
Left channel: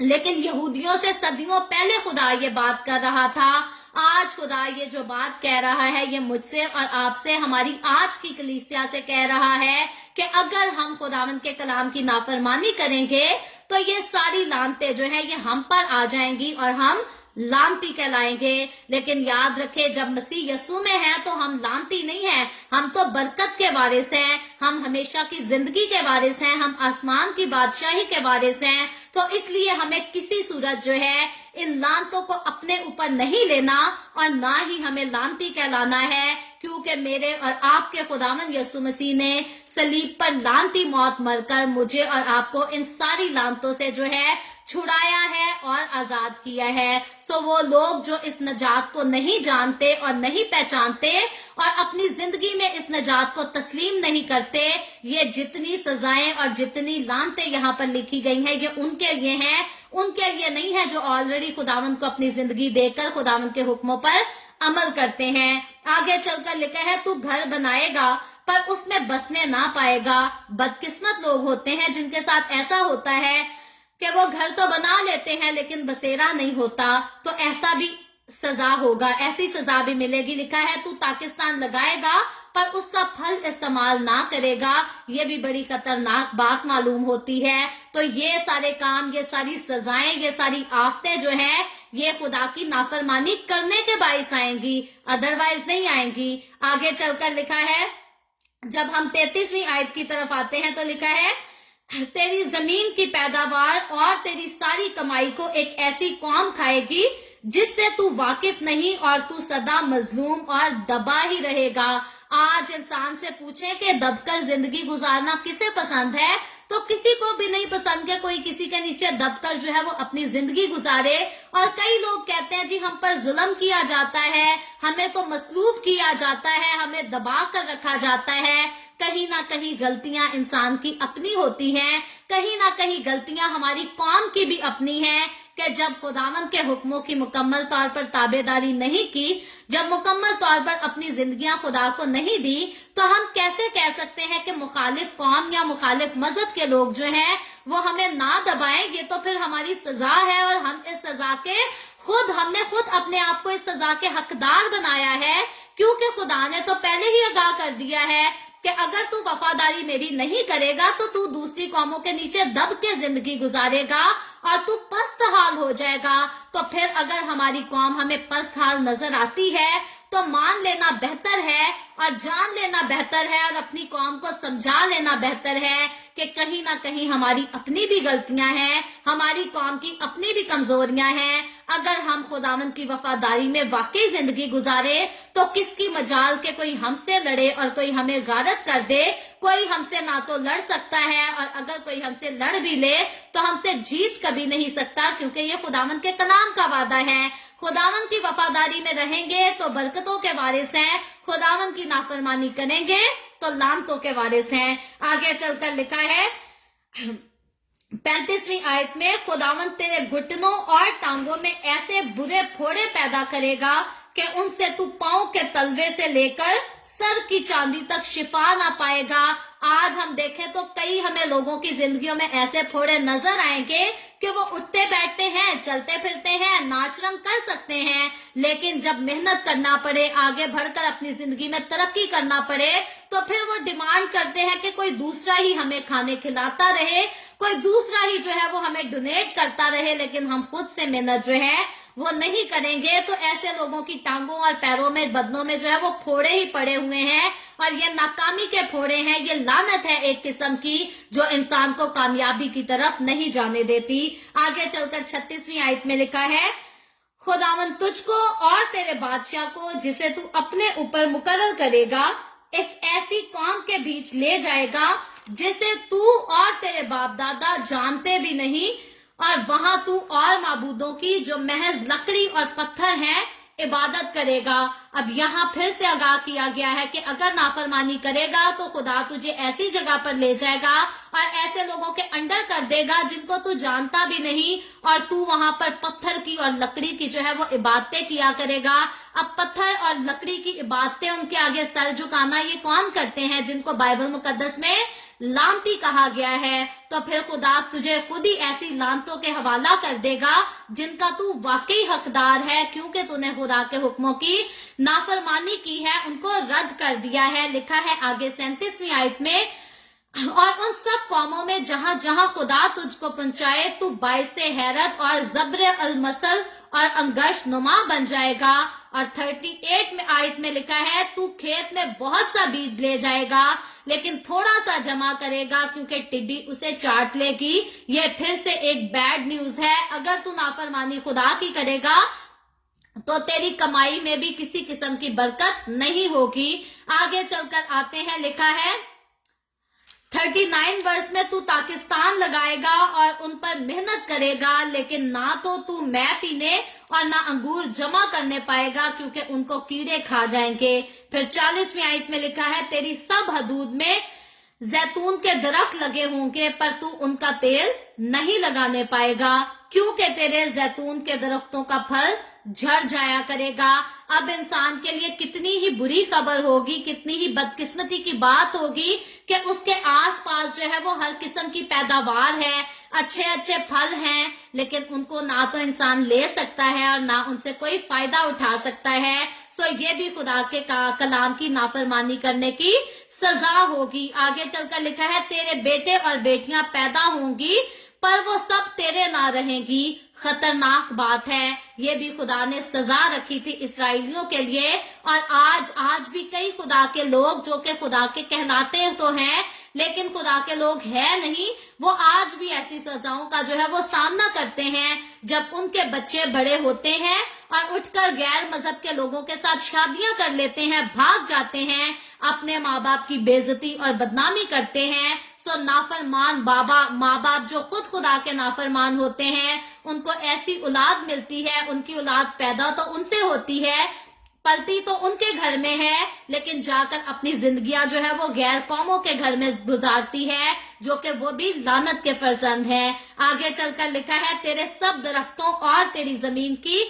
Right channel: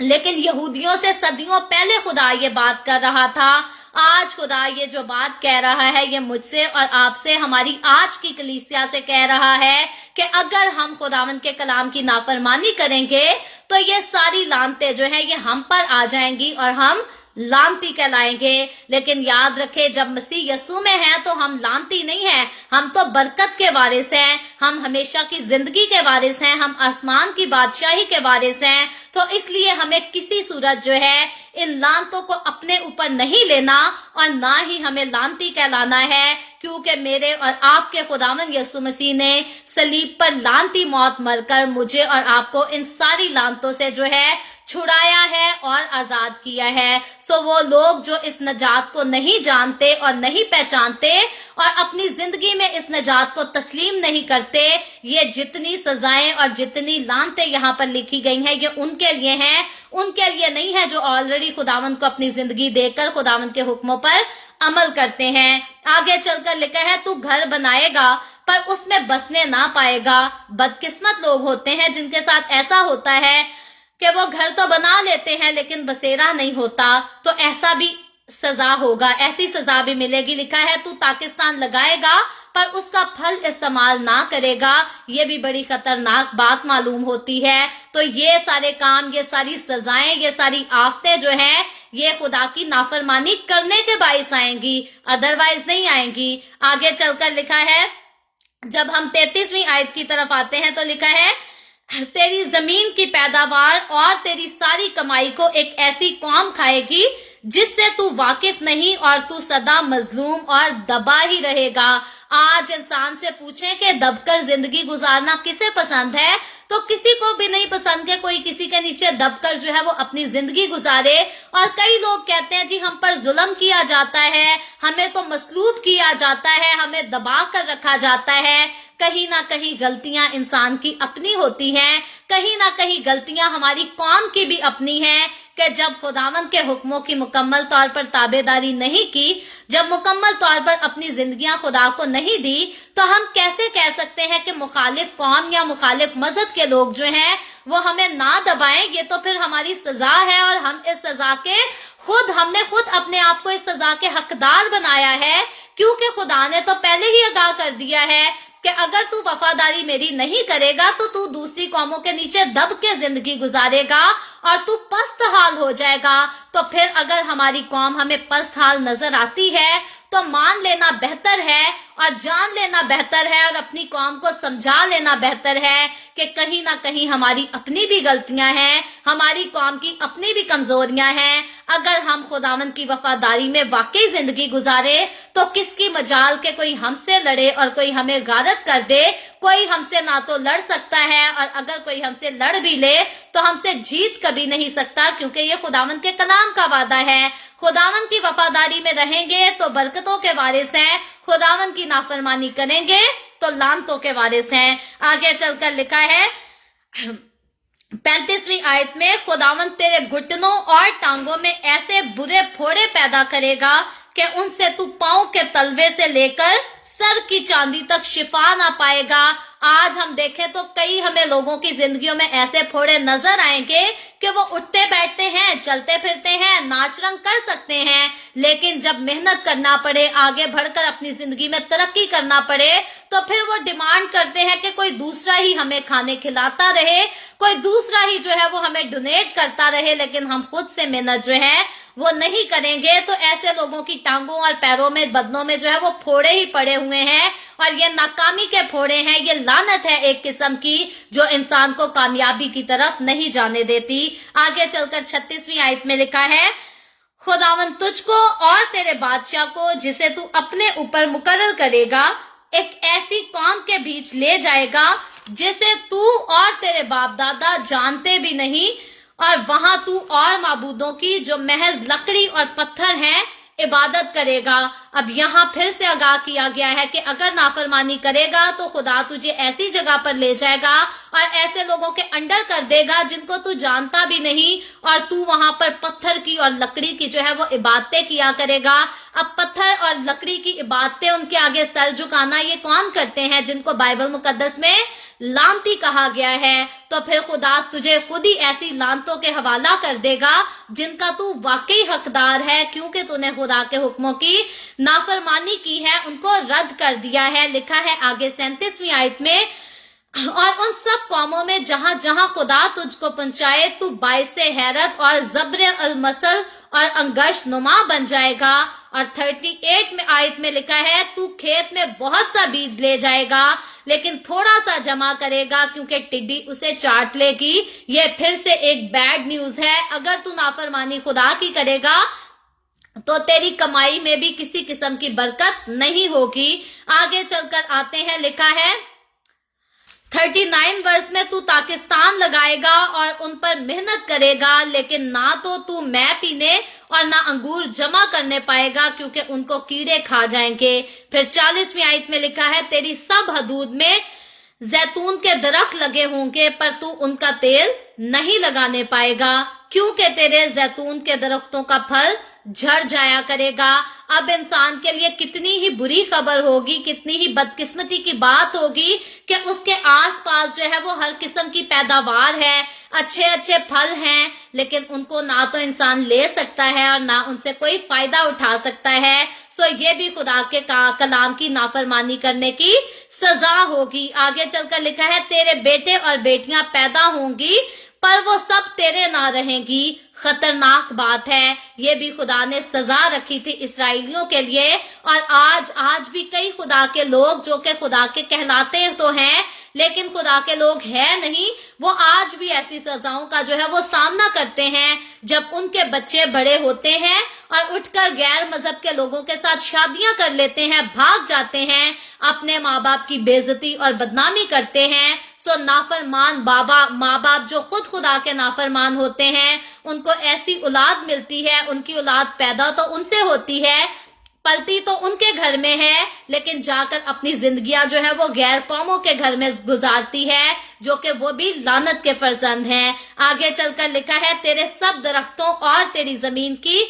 लेकिन यहूदियों से सदियों पहले खुदा ये बात कर रहा था। आज खुदा ये जो बात कह रहा है ये मुझसे और आपसे, हमारी आज की कलीसिया से कह रहा है कि अगर हम खुदावंद के कलाम की नाफरमानी करेंगे तो ये सारी लानतें जो है ये हम पर आ जाएंगी और हम लानती कहलाएंगे। लेकिन याद रखें जब मसीह यीशु में है तो हम लानती नहीं है, हम तो बरकत के वारिस हैं, हम हमेशा की जिंदगी के वारिस हैं, हम आसमान की बादशाही के वारिस हैं। तो इसलिए हमें किसी सूरत जो है इन लानतों को अपने ऊपर नहीं लेना और ना ही हमें लानती कहलाना है, क्योंकि मेरे और आपके खुदावंद यीशु मसीह ने सलीब पर लानती मौत मरकर मुझे और आपको इन सारी लानतों से जो है छुड़ाया है और आजाद किया है। सो वो लोग जो इस नजात को नहीं जानते और नहीं पहचानते और अपनी जिंदगी में इस नजात को तस्लीम नहीं करते, ये जितनी सजाएं और जितनी लानतें यहाँ पर लिखी गई हैं ये उनके लिए हैं, उनके लिए नहीं है जो ऑलरेडी खुदावंद को अपनी जिंदगी देकर खुदावंद के हुक्मों पर अमल करते हैं। आगे चलकर लिखा है तू घर बनाएगा पर उसमें बसने ना पाएगा। बदकिस्मत लोग होते हैं जिनके साथ ऐसा होता है कि वो घर तो बना लेते हैं लेकिन बसेरा नहीं होता, तो ऐसा भी सजा होगा, ऐसी सजा भी मिलेगी। लिखा है तू पाकिस्तान लगाएगा पर उसका फल इस्तेमाल ना करेगा। ये भी बड़ी खतरनाक बात मालूम होती है। तो ये सारे काम, ये सारी सजाएं, ये सारी आफतें जो हैं ये खुदा की नाफरमानी करने के बाइस आएंगी, अदरवाइज नहीं आएंगी। आगे चलकर लिखा है, जब हम 33वीं आयत की तरफ आते हैं तो लिखा है तेरी जमीन की पैदावार और तेरी सारी कमाई को एक ऐसी कौम खाएगी जिससे तू वाकिफ नहीं और तू सदा मजलूम और दबा ही रहेगा। आज इंसान से पूछें कि दबकर जिंदगी गुजारना किसे पसंद है, तो किसी को भी नहीं पसंद कि कोई किसी के नीचे दबकर जो है वो अपनी जिंदगी गुजारे। और कई लोग कहते हैं जी हम पर जुल्म किया जाता है, हमें तो मसलूब किया जाता है, हमें दबा कर रखा जाता है। कहीं ना कहीं गलतियां इंसान की अपनी होती हैं, कहीं ना कहीं गलतियां हमारी कौम की भी अपनी हैं कि जब खुदावंद के हुक्मों की मुकम्मल तौर पर ताबेदारी नहीं की, जब मुकम्मल तौर पर अपनी जिंदगियां खुदा को नहीं दी, तो हम कैसे कह सकते हैं कि मुखालिफ कौम या मुखालिफ मजहब के लोग जो हैं वो हमें ना दबाएं। ये तो फिर हमारी सजा है और हम इस सजा के हमने खुद अपने आप को इस सजा के हकदार बनाया है, क्योंकि खुदा ने तो पहले ही आगाह कर दिया है कि अगर तू वफादारी मेरी नहीं करेगा तो तू दूसरी कौमों के नीचे दब के जिंदगी गुजारेगा और तू पस्त हाल हो जाएगा। तो फिर अगर हमारी कौम हमें पस्त हाल नजर आती है तो मान लेना बेहतर है और जान लेना बेहतर है और अपनी कौम को समझा लेना बेहतर है कि कहीं ना कहीं हमारी अपनी भी गलतियां हैं, हमारी कौम की अपनी भी कमजोरियां हैं। अगर हम खुदावंद की वफादारी में वाकई जिंदगी गुजारे तो किसकी मजाल के कोई हमसे लड़े और कोई हमें गारत कर दे। कोई हमसे ना तो लड़ सकता है और अगर कोई हमसे लड़ भी ले तो हमसे जीत कभी नहीं सकता, क्योंकि ये खुदावंद के कलाम का वादा है। खुदावंद की वफादारी में रहेंगे तो बरकतों के वारिस हैं, खुदावंद की नाफरमानी करेंगे तो लानतों के वारिस हैं। आगे चलकर लिखा है 35वीं आयत में, खुदावंद तेरे घुटनों और टांगों में ऐसे बुरे फोड़े पैदा करेगा कि उनसे तू पांव के तलवे से लेकर सर की चांदी तक शिफा ना पाएगा। आज हम देखें तो कई हमें लोगों की जिंदगियों में ऐसे फोड़े नजर आएंगे कि वो उठते बैठते हैं, चलते फिरते हैं, नाच रंग कर सकते हैं, लेकिन जब मेहनत करना पड़े, आगे बढ़कर अपनी जिंदगी में तरक्की करना पड़े, तो फिर वो डिमांड करते हैं कि कोई दूसरा ही हमें खाने खिलाता रहे, कोई दूसरा ही जो है वो हमें डोनेट करता रहे, लेकिन हम खुद से मेहनत जो है वो नहीं करेंगे। तो ऐसे लोगों की टांगों और पैरों में, बदनों में जो है वो फोड़े ही पड़े हुए हैं और ये नाकामी के फोड़े हैं। ये लानत है एक किस्म की जो इंसान को कामयाबी की तरफ नहीं जाने देती। आगे चलकर 36वीं आयत में लिखा है, खुदावंद तुझको और तेरे बादशाह को जिसे तू अपने ऊपर मुकर्रर करेगा एक ऐसी कौम के बीच ले जाएगा जिसे तू और तेरे बाप दादा जानते भी नहीं, और वहां तू और माबूदों की जो महज लकड़ी और पत्थर हैं इबादत करेगा। अब यहाँ फिर से आगाह किया गया है कि अगर नाफरमानी करेगा तो खुदा तुझे ऐसी जगह पर ले जाएगा और ऐसे लोगों के अंडर कर देगा जिनको तू जानता भी नहीं, और तू वहां पर पत्थर की और लकड़ी की जो है वो इबादतें किया करेगा। अब पत्थर और लकड़ी की इबादतें, उनके आगे सर झुकाना, ये कौन करते हैं जिनको बाइबल मुकद्दस में लानती कहा गया है। तो फिर खुदा तुझे खुद ही ऐसी लानतों के हवाला कर देगा जिनका तू वाकई हकदार है, क्योंकि तूने खुदा के हुक्मों की नाफरमानी की है, उनको रद्द कर दिया है। लिखा है आगे 37वीं आयत में, और उन सब कौमों में जहां जहां खुदा तुझको पहुंचाए तू बाइसे हैरत और जब्र अलमसल और अंगश नुमा बन जाएगा। और 38 में आयत में लिखा है, तू खेत में बहुत सा बीज ले जाएगा लेकिन थोड़ा सा जमा करेगा क्योंकि टिड्डी उसे चाट लेगी। ये फिर से एक बैड न्यूज है। अगर तू नाफरमानी खुदा की करेगा तो तेरी कमाई में भी किसी किस्म की बरकत नहीं होगी। आगे चलकर आते हैं, लिखा है 39 वर्ष में तू पाकिस्तान लगाएगा और उन पर मेहनत करेगा, लेकिन ना तो तू मैं पीने और ना अंगूर जमा करने पाएगा क्योंकि उनको कीड़े खा जाएंगे। फिर 40वीं आयत में लिखा है, तेरी सब हदूद में जैतून के दरख्त लगे होंगे पर तू उनका तेल नहीं लगाने पाएगा क्योंकि तेरे जैतून के दरख्तों का फल झड़ जाया करेगा। अब इंसान के लिए कितनी ही बुरी खबर होगी, कितनी ही बदकिस्मती की बात होगी कि उसके आसपास जो है वो हर किस्म की पैदावार है, अच्छे अच्छे फल हैं, लेकिन उनको ना तो इंसान ले सकता है और ना उनसे कोई फायदा उठा सकता है। सो ये भी खुदा के कलाम की नाफरमानी करने की सजा होगी। आगे चलकर लिखा है, तेरे बेटे और बेटियां पैदा होंगी पर वो सब तेरे ना रहेंगी। खतरनाक बात है। ये भी खुदा ने सजा रखी थी इस्राएलियों के लिए। और आज भी कई खुदा के लोग जो कि खुदा के कहलाते तो हैं, लेकिन खुदा के लोग हैं नहीं, वो आज भी ऐसी सजाओं का जो है वो सामना करते हैं जब उनके बच्चे बड़े होते हैं और उठकर गैर मजहब के लोगों के साथ शादियां कर लेते हैं, भाग जाते हैं, अपने माँ बाप की बेइज्जती और बदनामी करते हैं। सो नाफरमान माँ बाप जो खुद खुदा के नाफरमान होते हैं, उनको ऐसी औलाद मिलती है, उनकी औलाद पैदा तो उनसे होती है, पलती तो उनके घर में है, लेकिन जाकर अपनी जिंदगियां जो है वो गैर कौमों के घर में गुजारती है, जो कि वो भी लानत के फर्जंद हैं। आगे चलकर लिखा है, तेरे सब दरख्तों और तेरी जमीन की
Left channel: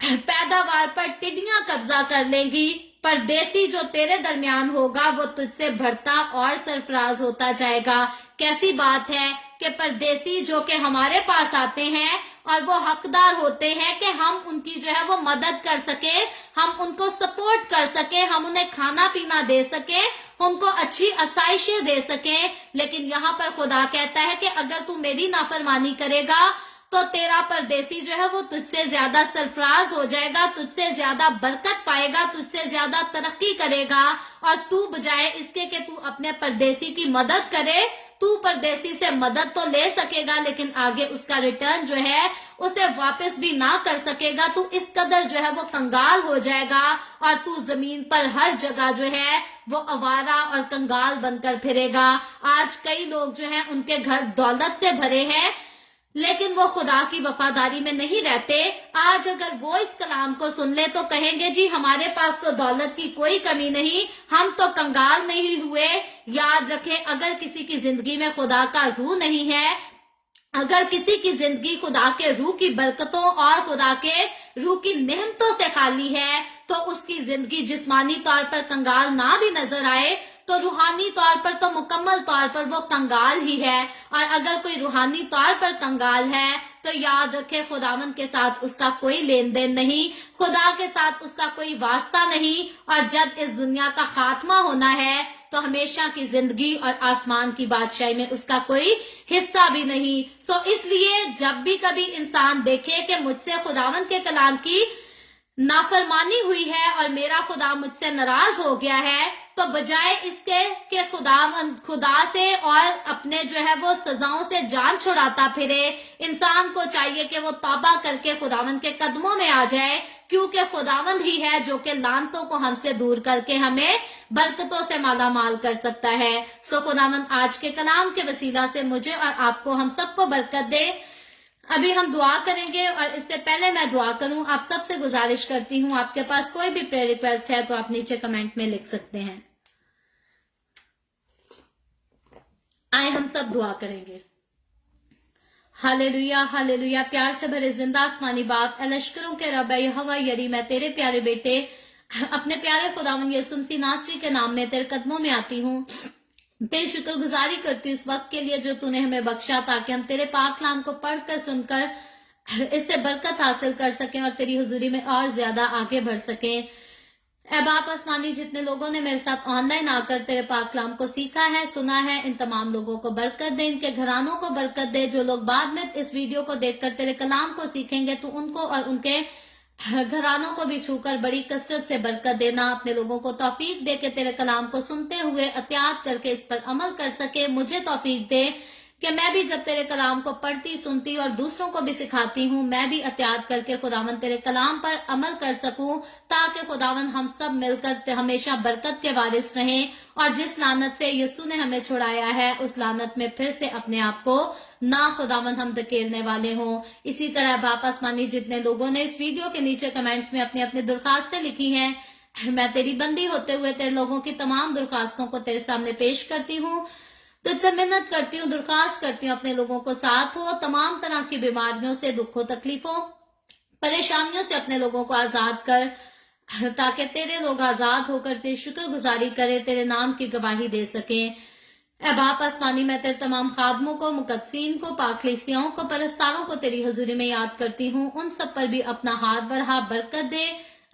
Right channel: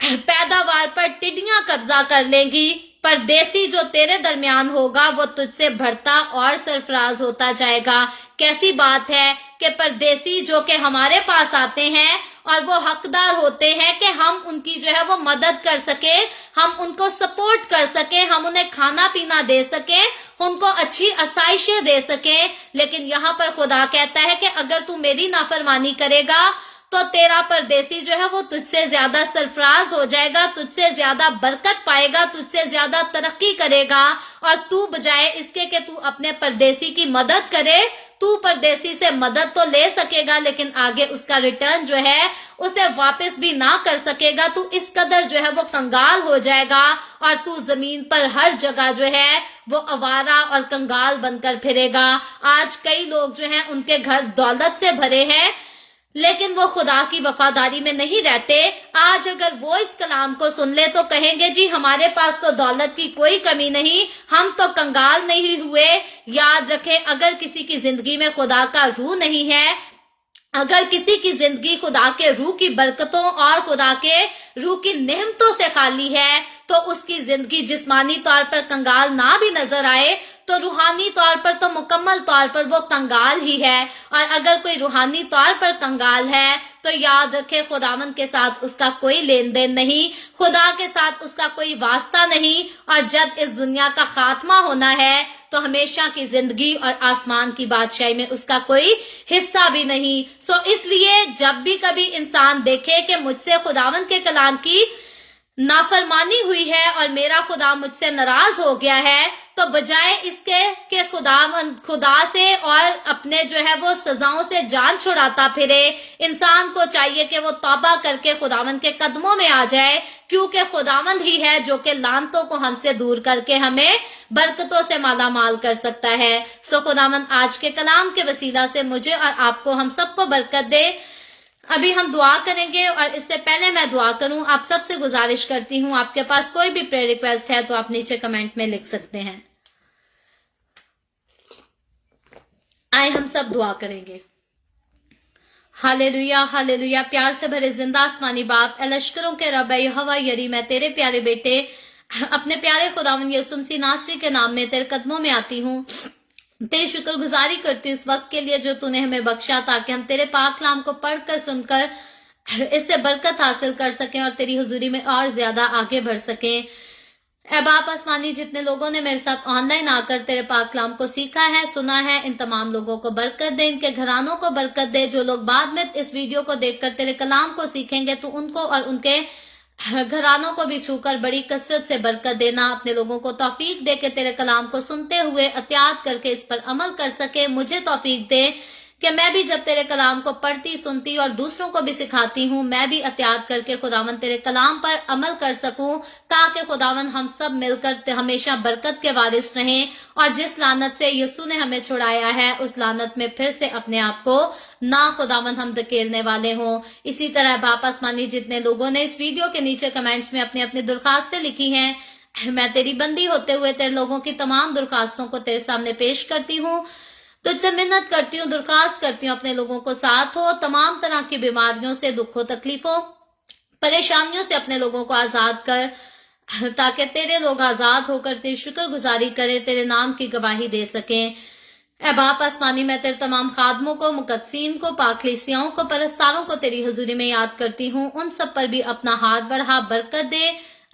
पैदावार पर टिड्डियां कब्जा कर लेंगी, परदेसी जो तेरे दरमियान होगा वो तुझसे बढ़ता और सरफराज होता जाएगा। कैसी बात है कि परदेसी जो कि हमारे पास आते हैं और वो हकदार होते हैं कि हम उनकी जो है वो मदद कर सके, हम उनको सपोर्ट कर सके, हम उन्हें खाना पीना दे सके, उनको अच्छी आसाइशें दे सके। लेकिन यहाँ पर खुदा कहता है कि अगर तू मेरी नाफरमानी करेगा तो तेरा परदेसी जो है वो तुझसे ज्यादा सरफराज हो जाएगा, तुझसे ज्यादा बरकत पाएगा, तुझसे ज्यादा तरक्की करेगा। और तू बजाय इसके कि तू अपने परदेसी की मदद करे, तू परदेसी से मदद तो ले सकेगा लेकिन आगे उसका रिटर्न जो है उसे वापस भी ना कर सकेगा। तू इस कदर जो है वो कंगाल हो जाएगा और तू जमीन पर हर जगह जो है वो आवारा और कंगाल बनकर फिरेगा। आज कई लोग जो हैं उनके घर दौलत से भरे हैं, लेकिन वो खुदा की वफादारी में नहीं रहते। आज अगर वो इस कलाम को सुन ले तो कहेंगे जी हमारे पास तो दौलत की कोई कमी नहीं, हम तो कंगाल नहीं हुए। याद रखें, अगर किसी की जिंदगी में खुदा का रूह नहीं है, अगर किसी की जिंदगी खुदा के रूह की बरकतों और खुदा के रूह की नेमतों से खाली है, तो उसकी जिंदगी जिस्मानी तौर पर कंगाल ना भी नजर आए तो रूहानी तौर पर तो मुकम्मल तौर पर वो कंगाल ही है। और अगर कोई रूहानी तौर पर कंगाल है तो याद रखे, खुदावंद के साथ उसका कोई लेन देन नहीं, खुदा के साथ उसका कोई वास्ता नहीं। और जब इस दुनिया का खात्मा होना है तो हमेशा की जिंदगी और आसमान की बादशाही में उसका कोई हिस्सा भी नहीं। सो इसलिए जब भी कभी इंसान देखे कि मुझसे खुदावंद के कलाम की नाफरमानी हुई है और मेरा खुदा मुझसे नाराज हो गया है, तो बजाय इसके कि खुदा से और अपने जो है वो सजाओं से जान छुड़ाता फिरे, इंसान को चाहिए कि वो तौबा करके खुदावंद के कदमों में आ जाए, क्योंकि खुदावंद ही है जो कि लानतों को हमसे दूर करके हमें बरकतों से माला माल कर सकता है। सो खुदावंद आज के कलाम के वसीला से मुझे और आपको, हम सबको बरकत दे। अभी हम दुआ करेंगे और इससे पहले मैं दुआ करूं, आप सबसे गुजारिश करती हूं, आपके पास कोई भी प्रेयर रिक्वेस्ट है तो आप नीचे कमेंट में लिख सकते हैं। आए हम सब दुआ करेंगे। Hallelujah hallelujah. प्यार से भरे जिंदा आसमानी बाप, लश्करों के रब यहोवा यरी, मैं तेरे प्यारे बेटे अपने प्यारे खुदावंद यीशु मसीह नासरी के नाम में तेरे कदमों में आती हूँ। तेरी शुक्रगुजारी करती हूँ इस वक्त के लिए जो तूने हमें बख्शा, ताकि हम तेरे पाक कलाम को पढ़कर सुनकर इससे बरकत हासिल कर सकें और तेरी हुजूरी में और ज्यादा आगे बढ़ सकें। ऐ बाप आसमानी, जितने लोगों ने मेरे साथ ऑनलाइन आकर तेरे पाक कलाम को सीखा है, सुना है, इन तमाम लोगों को बरकत दे, इनके घरानों को बरकत दे। जो लोग बाद में इस वीडियो को देखकर तेरे कलाम को सीखेंगे, तो उनको और उनके घरानों को भी छूकर बड़ी कसरत से बरकत देना। अपने लोगों को तौफीक दे के तेरे कलाम को सुनते हुए एहतियात करके इस पर अमल कर सके। मुझे तौफीक दे कि मैं भी जब तेरे कलाम को पढ़ती, सुनती और दूसरों को भी सिखाती हूँ, मैं भी एहतियात करके खुदावंद तेरे कलाम पर अमल कर सकूं, ताकि खुदावंद हम सब मिलकर हमेशा बरकत के वारिस रहें और जिस लानत से यीशु ने हमें छुड़ाया है, उस लानत में फिर से अपने आप को ना खुदावंद हम धकेलने वाले हों। इसी तरह बाप आसमानी, जितने लोगों ने इस वीडियो के नीचे कमेंट्स में अपनी अपनी दरखास्तें लिखी हैं, मैं तेरी बंदी होते हुए तेरे लोगों की तमाम दरखास्तों को तेरे सामने पेश करती हूँ। तुझसे मिन्नत करती हूँ, दरखास्त करती हूँ, अपने लोगों को साथ हो, तमाम तरह की बीमारियों से, दुखों, तकलीफों, परेशानियों से अपने लोगों को आजाद कर, ताकि तेरे लोग आजाद होकर तेरी शुक्रगुजारी करें, तेरे नाम की गवाही दे सकें। ऐ बाप आसमानी, मैं तेरे तमाम खादमों को, मुकद्दसीन को, पाकलीसियाओं को, परस्तारों को तेरी हुजूरी में याद करती हूँ। उन सब पर भी अपना हाथ बढ़ा, बरकत दे,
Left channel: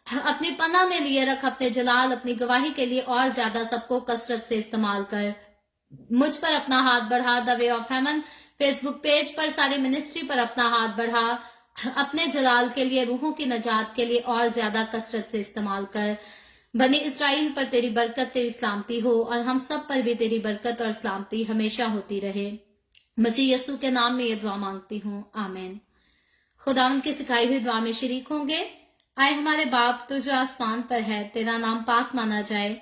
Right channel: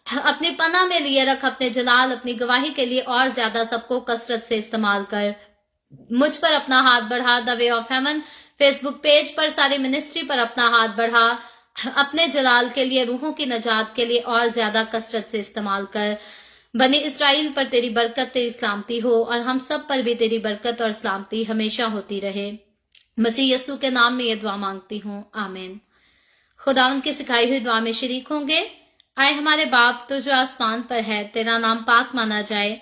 अपनी पनाह में लिए रख, अपने जलाल, अपनी गवाही के लिए और ज्यादा सबको कसरत से इस्तेमाल कर। मुझ पर अपना हाथ बढ़ा, the way of haven Facebook page पर सारी मिनिस्ट्री पर अपना हाथ बढ़ा, अपने जलाल के लिए, रूहों की नजात के लिए और ज्यादा कसरत से इस्तेमाल कर। बनी इसराइल पर तेरी बरकत, तेरी सलामती हो और हम सब पर भी तेरी बरकत और सलामती हमेशा होती रहे। मसीह यस्सु के नाम में ये दुआ मांगती हूँ, आमीन। खुदावंद की सिखाई हुई दुआ में शरीक होंगे। आए हमारे बाप, तो जो आसमान पर है, तेरा नाम पाक माना जाए,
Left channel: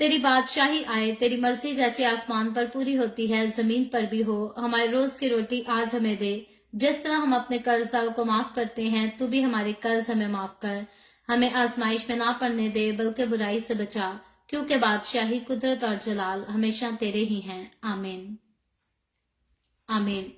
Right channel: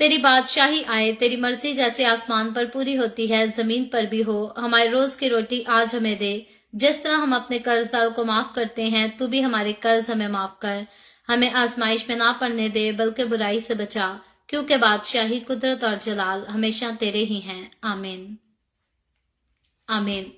तेरी बादशाही आए, तेरी मर्जी जैसे आसमान पर पूरी होती है जमीन पर भी हो। हमारे रोज की रोटी आज हमें दे, जिस तरह हम अपने कर्जदारों को माफ करते हैं, तू भी हमारे कर्ज हमें माफ कर। हमें आजमाइश में ना पड़ने दे, बल्कि बुराई से बचा, क्योंकि बादशाही, कुदरत और जलाल हमेशा तेरे ही हैं, आमीन आमीन।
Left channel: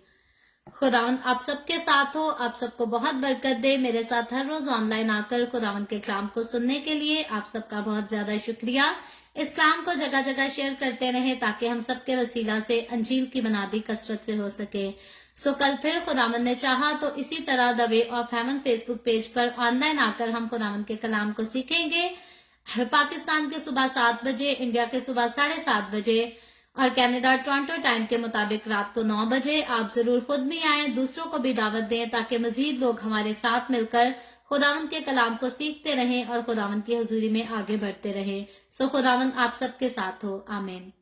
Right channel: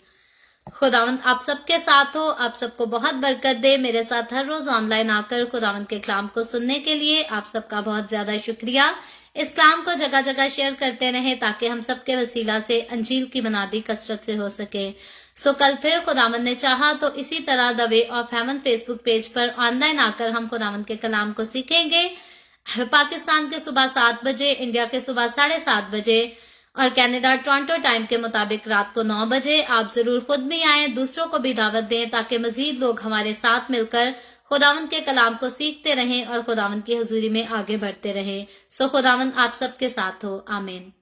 खुदावंद आप सबके साथ हो, आप सबको बहुत बरकत दे। मेरे साथ हर रोज ऑनलाइन आकर खुदावंद के कलाम को सुनने के लिए आप सबका बहुत ज्यादा शुक्रिया। इस कलाम को जगह जगह शेयर करते रहें ताकि हम सबके वसीला से अंजील की बुनियादी कसरत से हो सके। सो कल फिर खुदावंद ने चाहा तो इसी तरह the way of haven Facebook page पर ऑनलाइन आकर हम खुदावंद के कलाम को सीखेंगे। पाकिस्तान के सुबह 7 बजे, इंडिया के सुबह 7:30 बजे और कनाडा टोरंटो टाइम के मुताबिक रात को 9 बजे। आप जरूर खुद भी आए, दूसरों को भी दावत दें ताकि मजीद लोग हमारे साथ मिलकर खुदावंद के कलाम को सीखते रहें और खुदावंद की हजूरी में आगे बढ़ते रहें। सो खुदावंद आप सबके साथ हो, आमीन।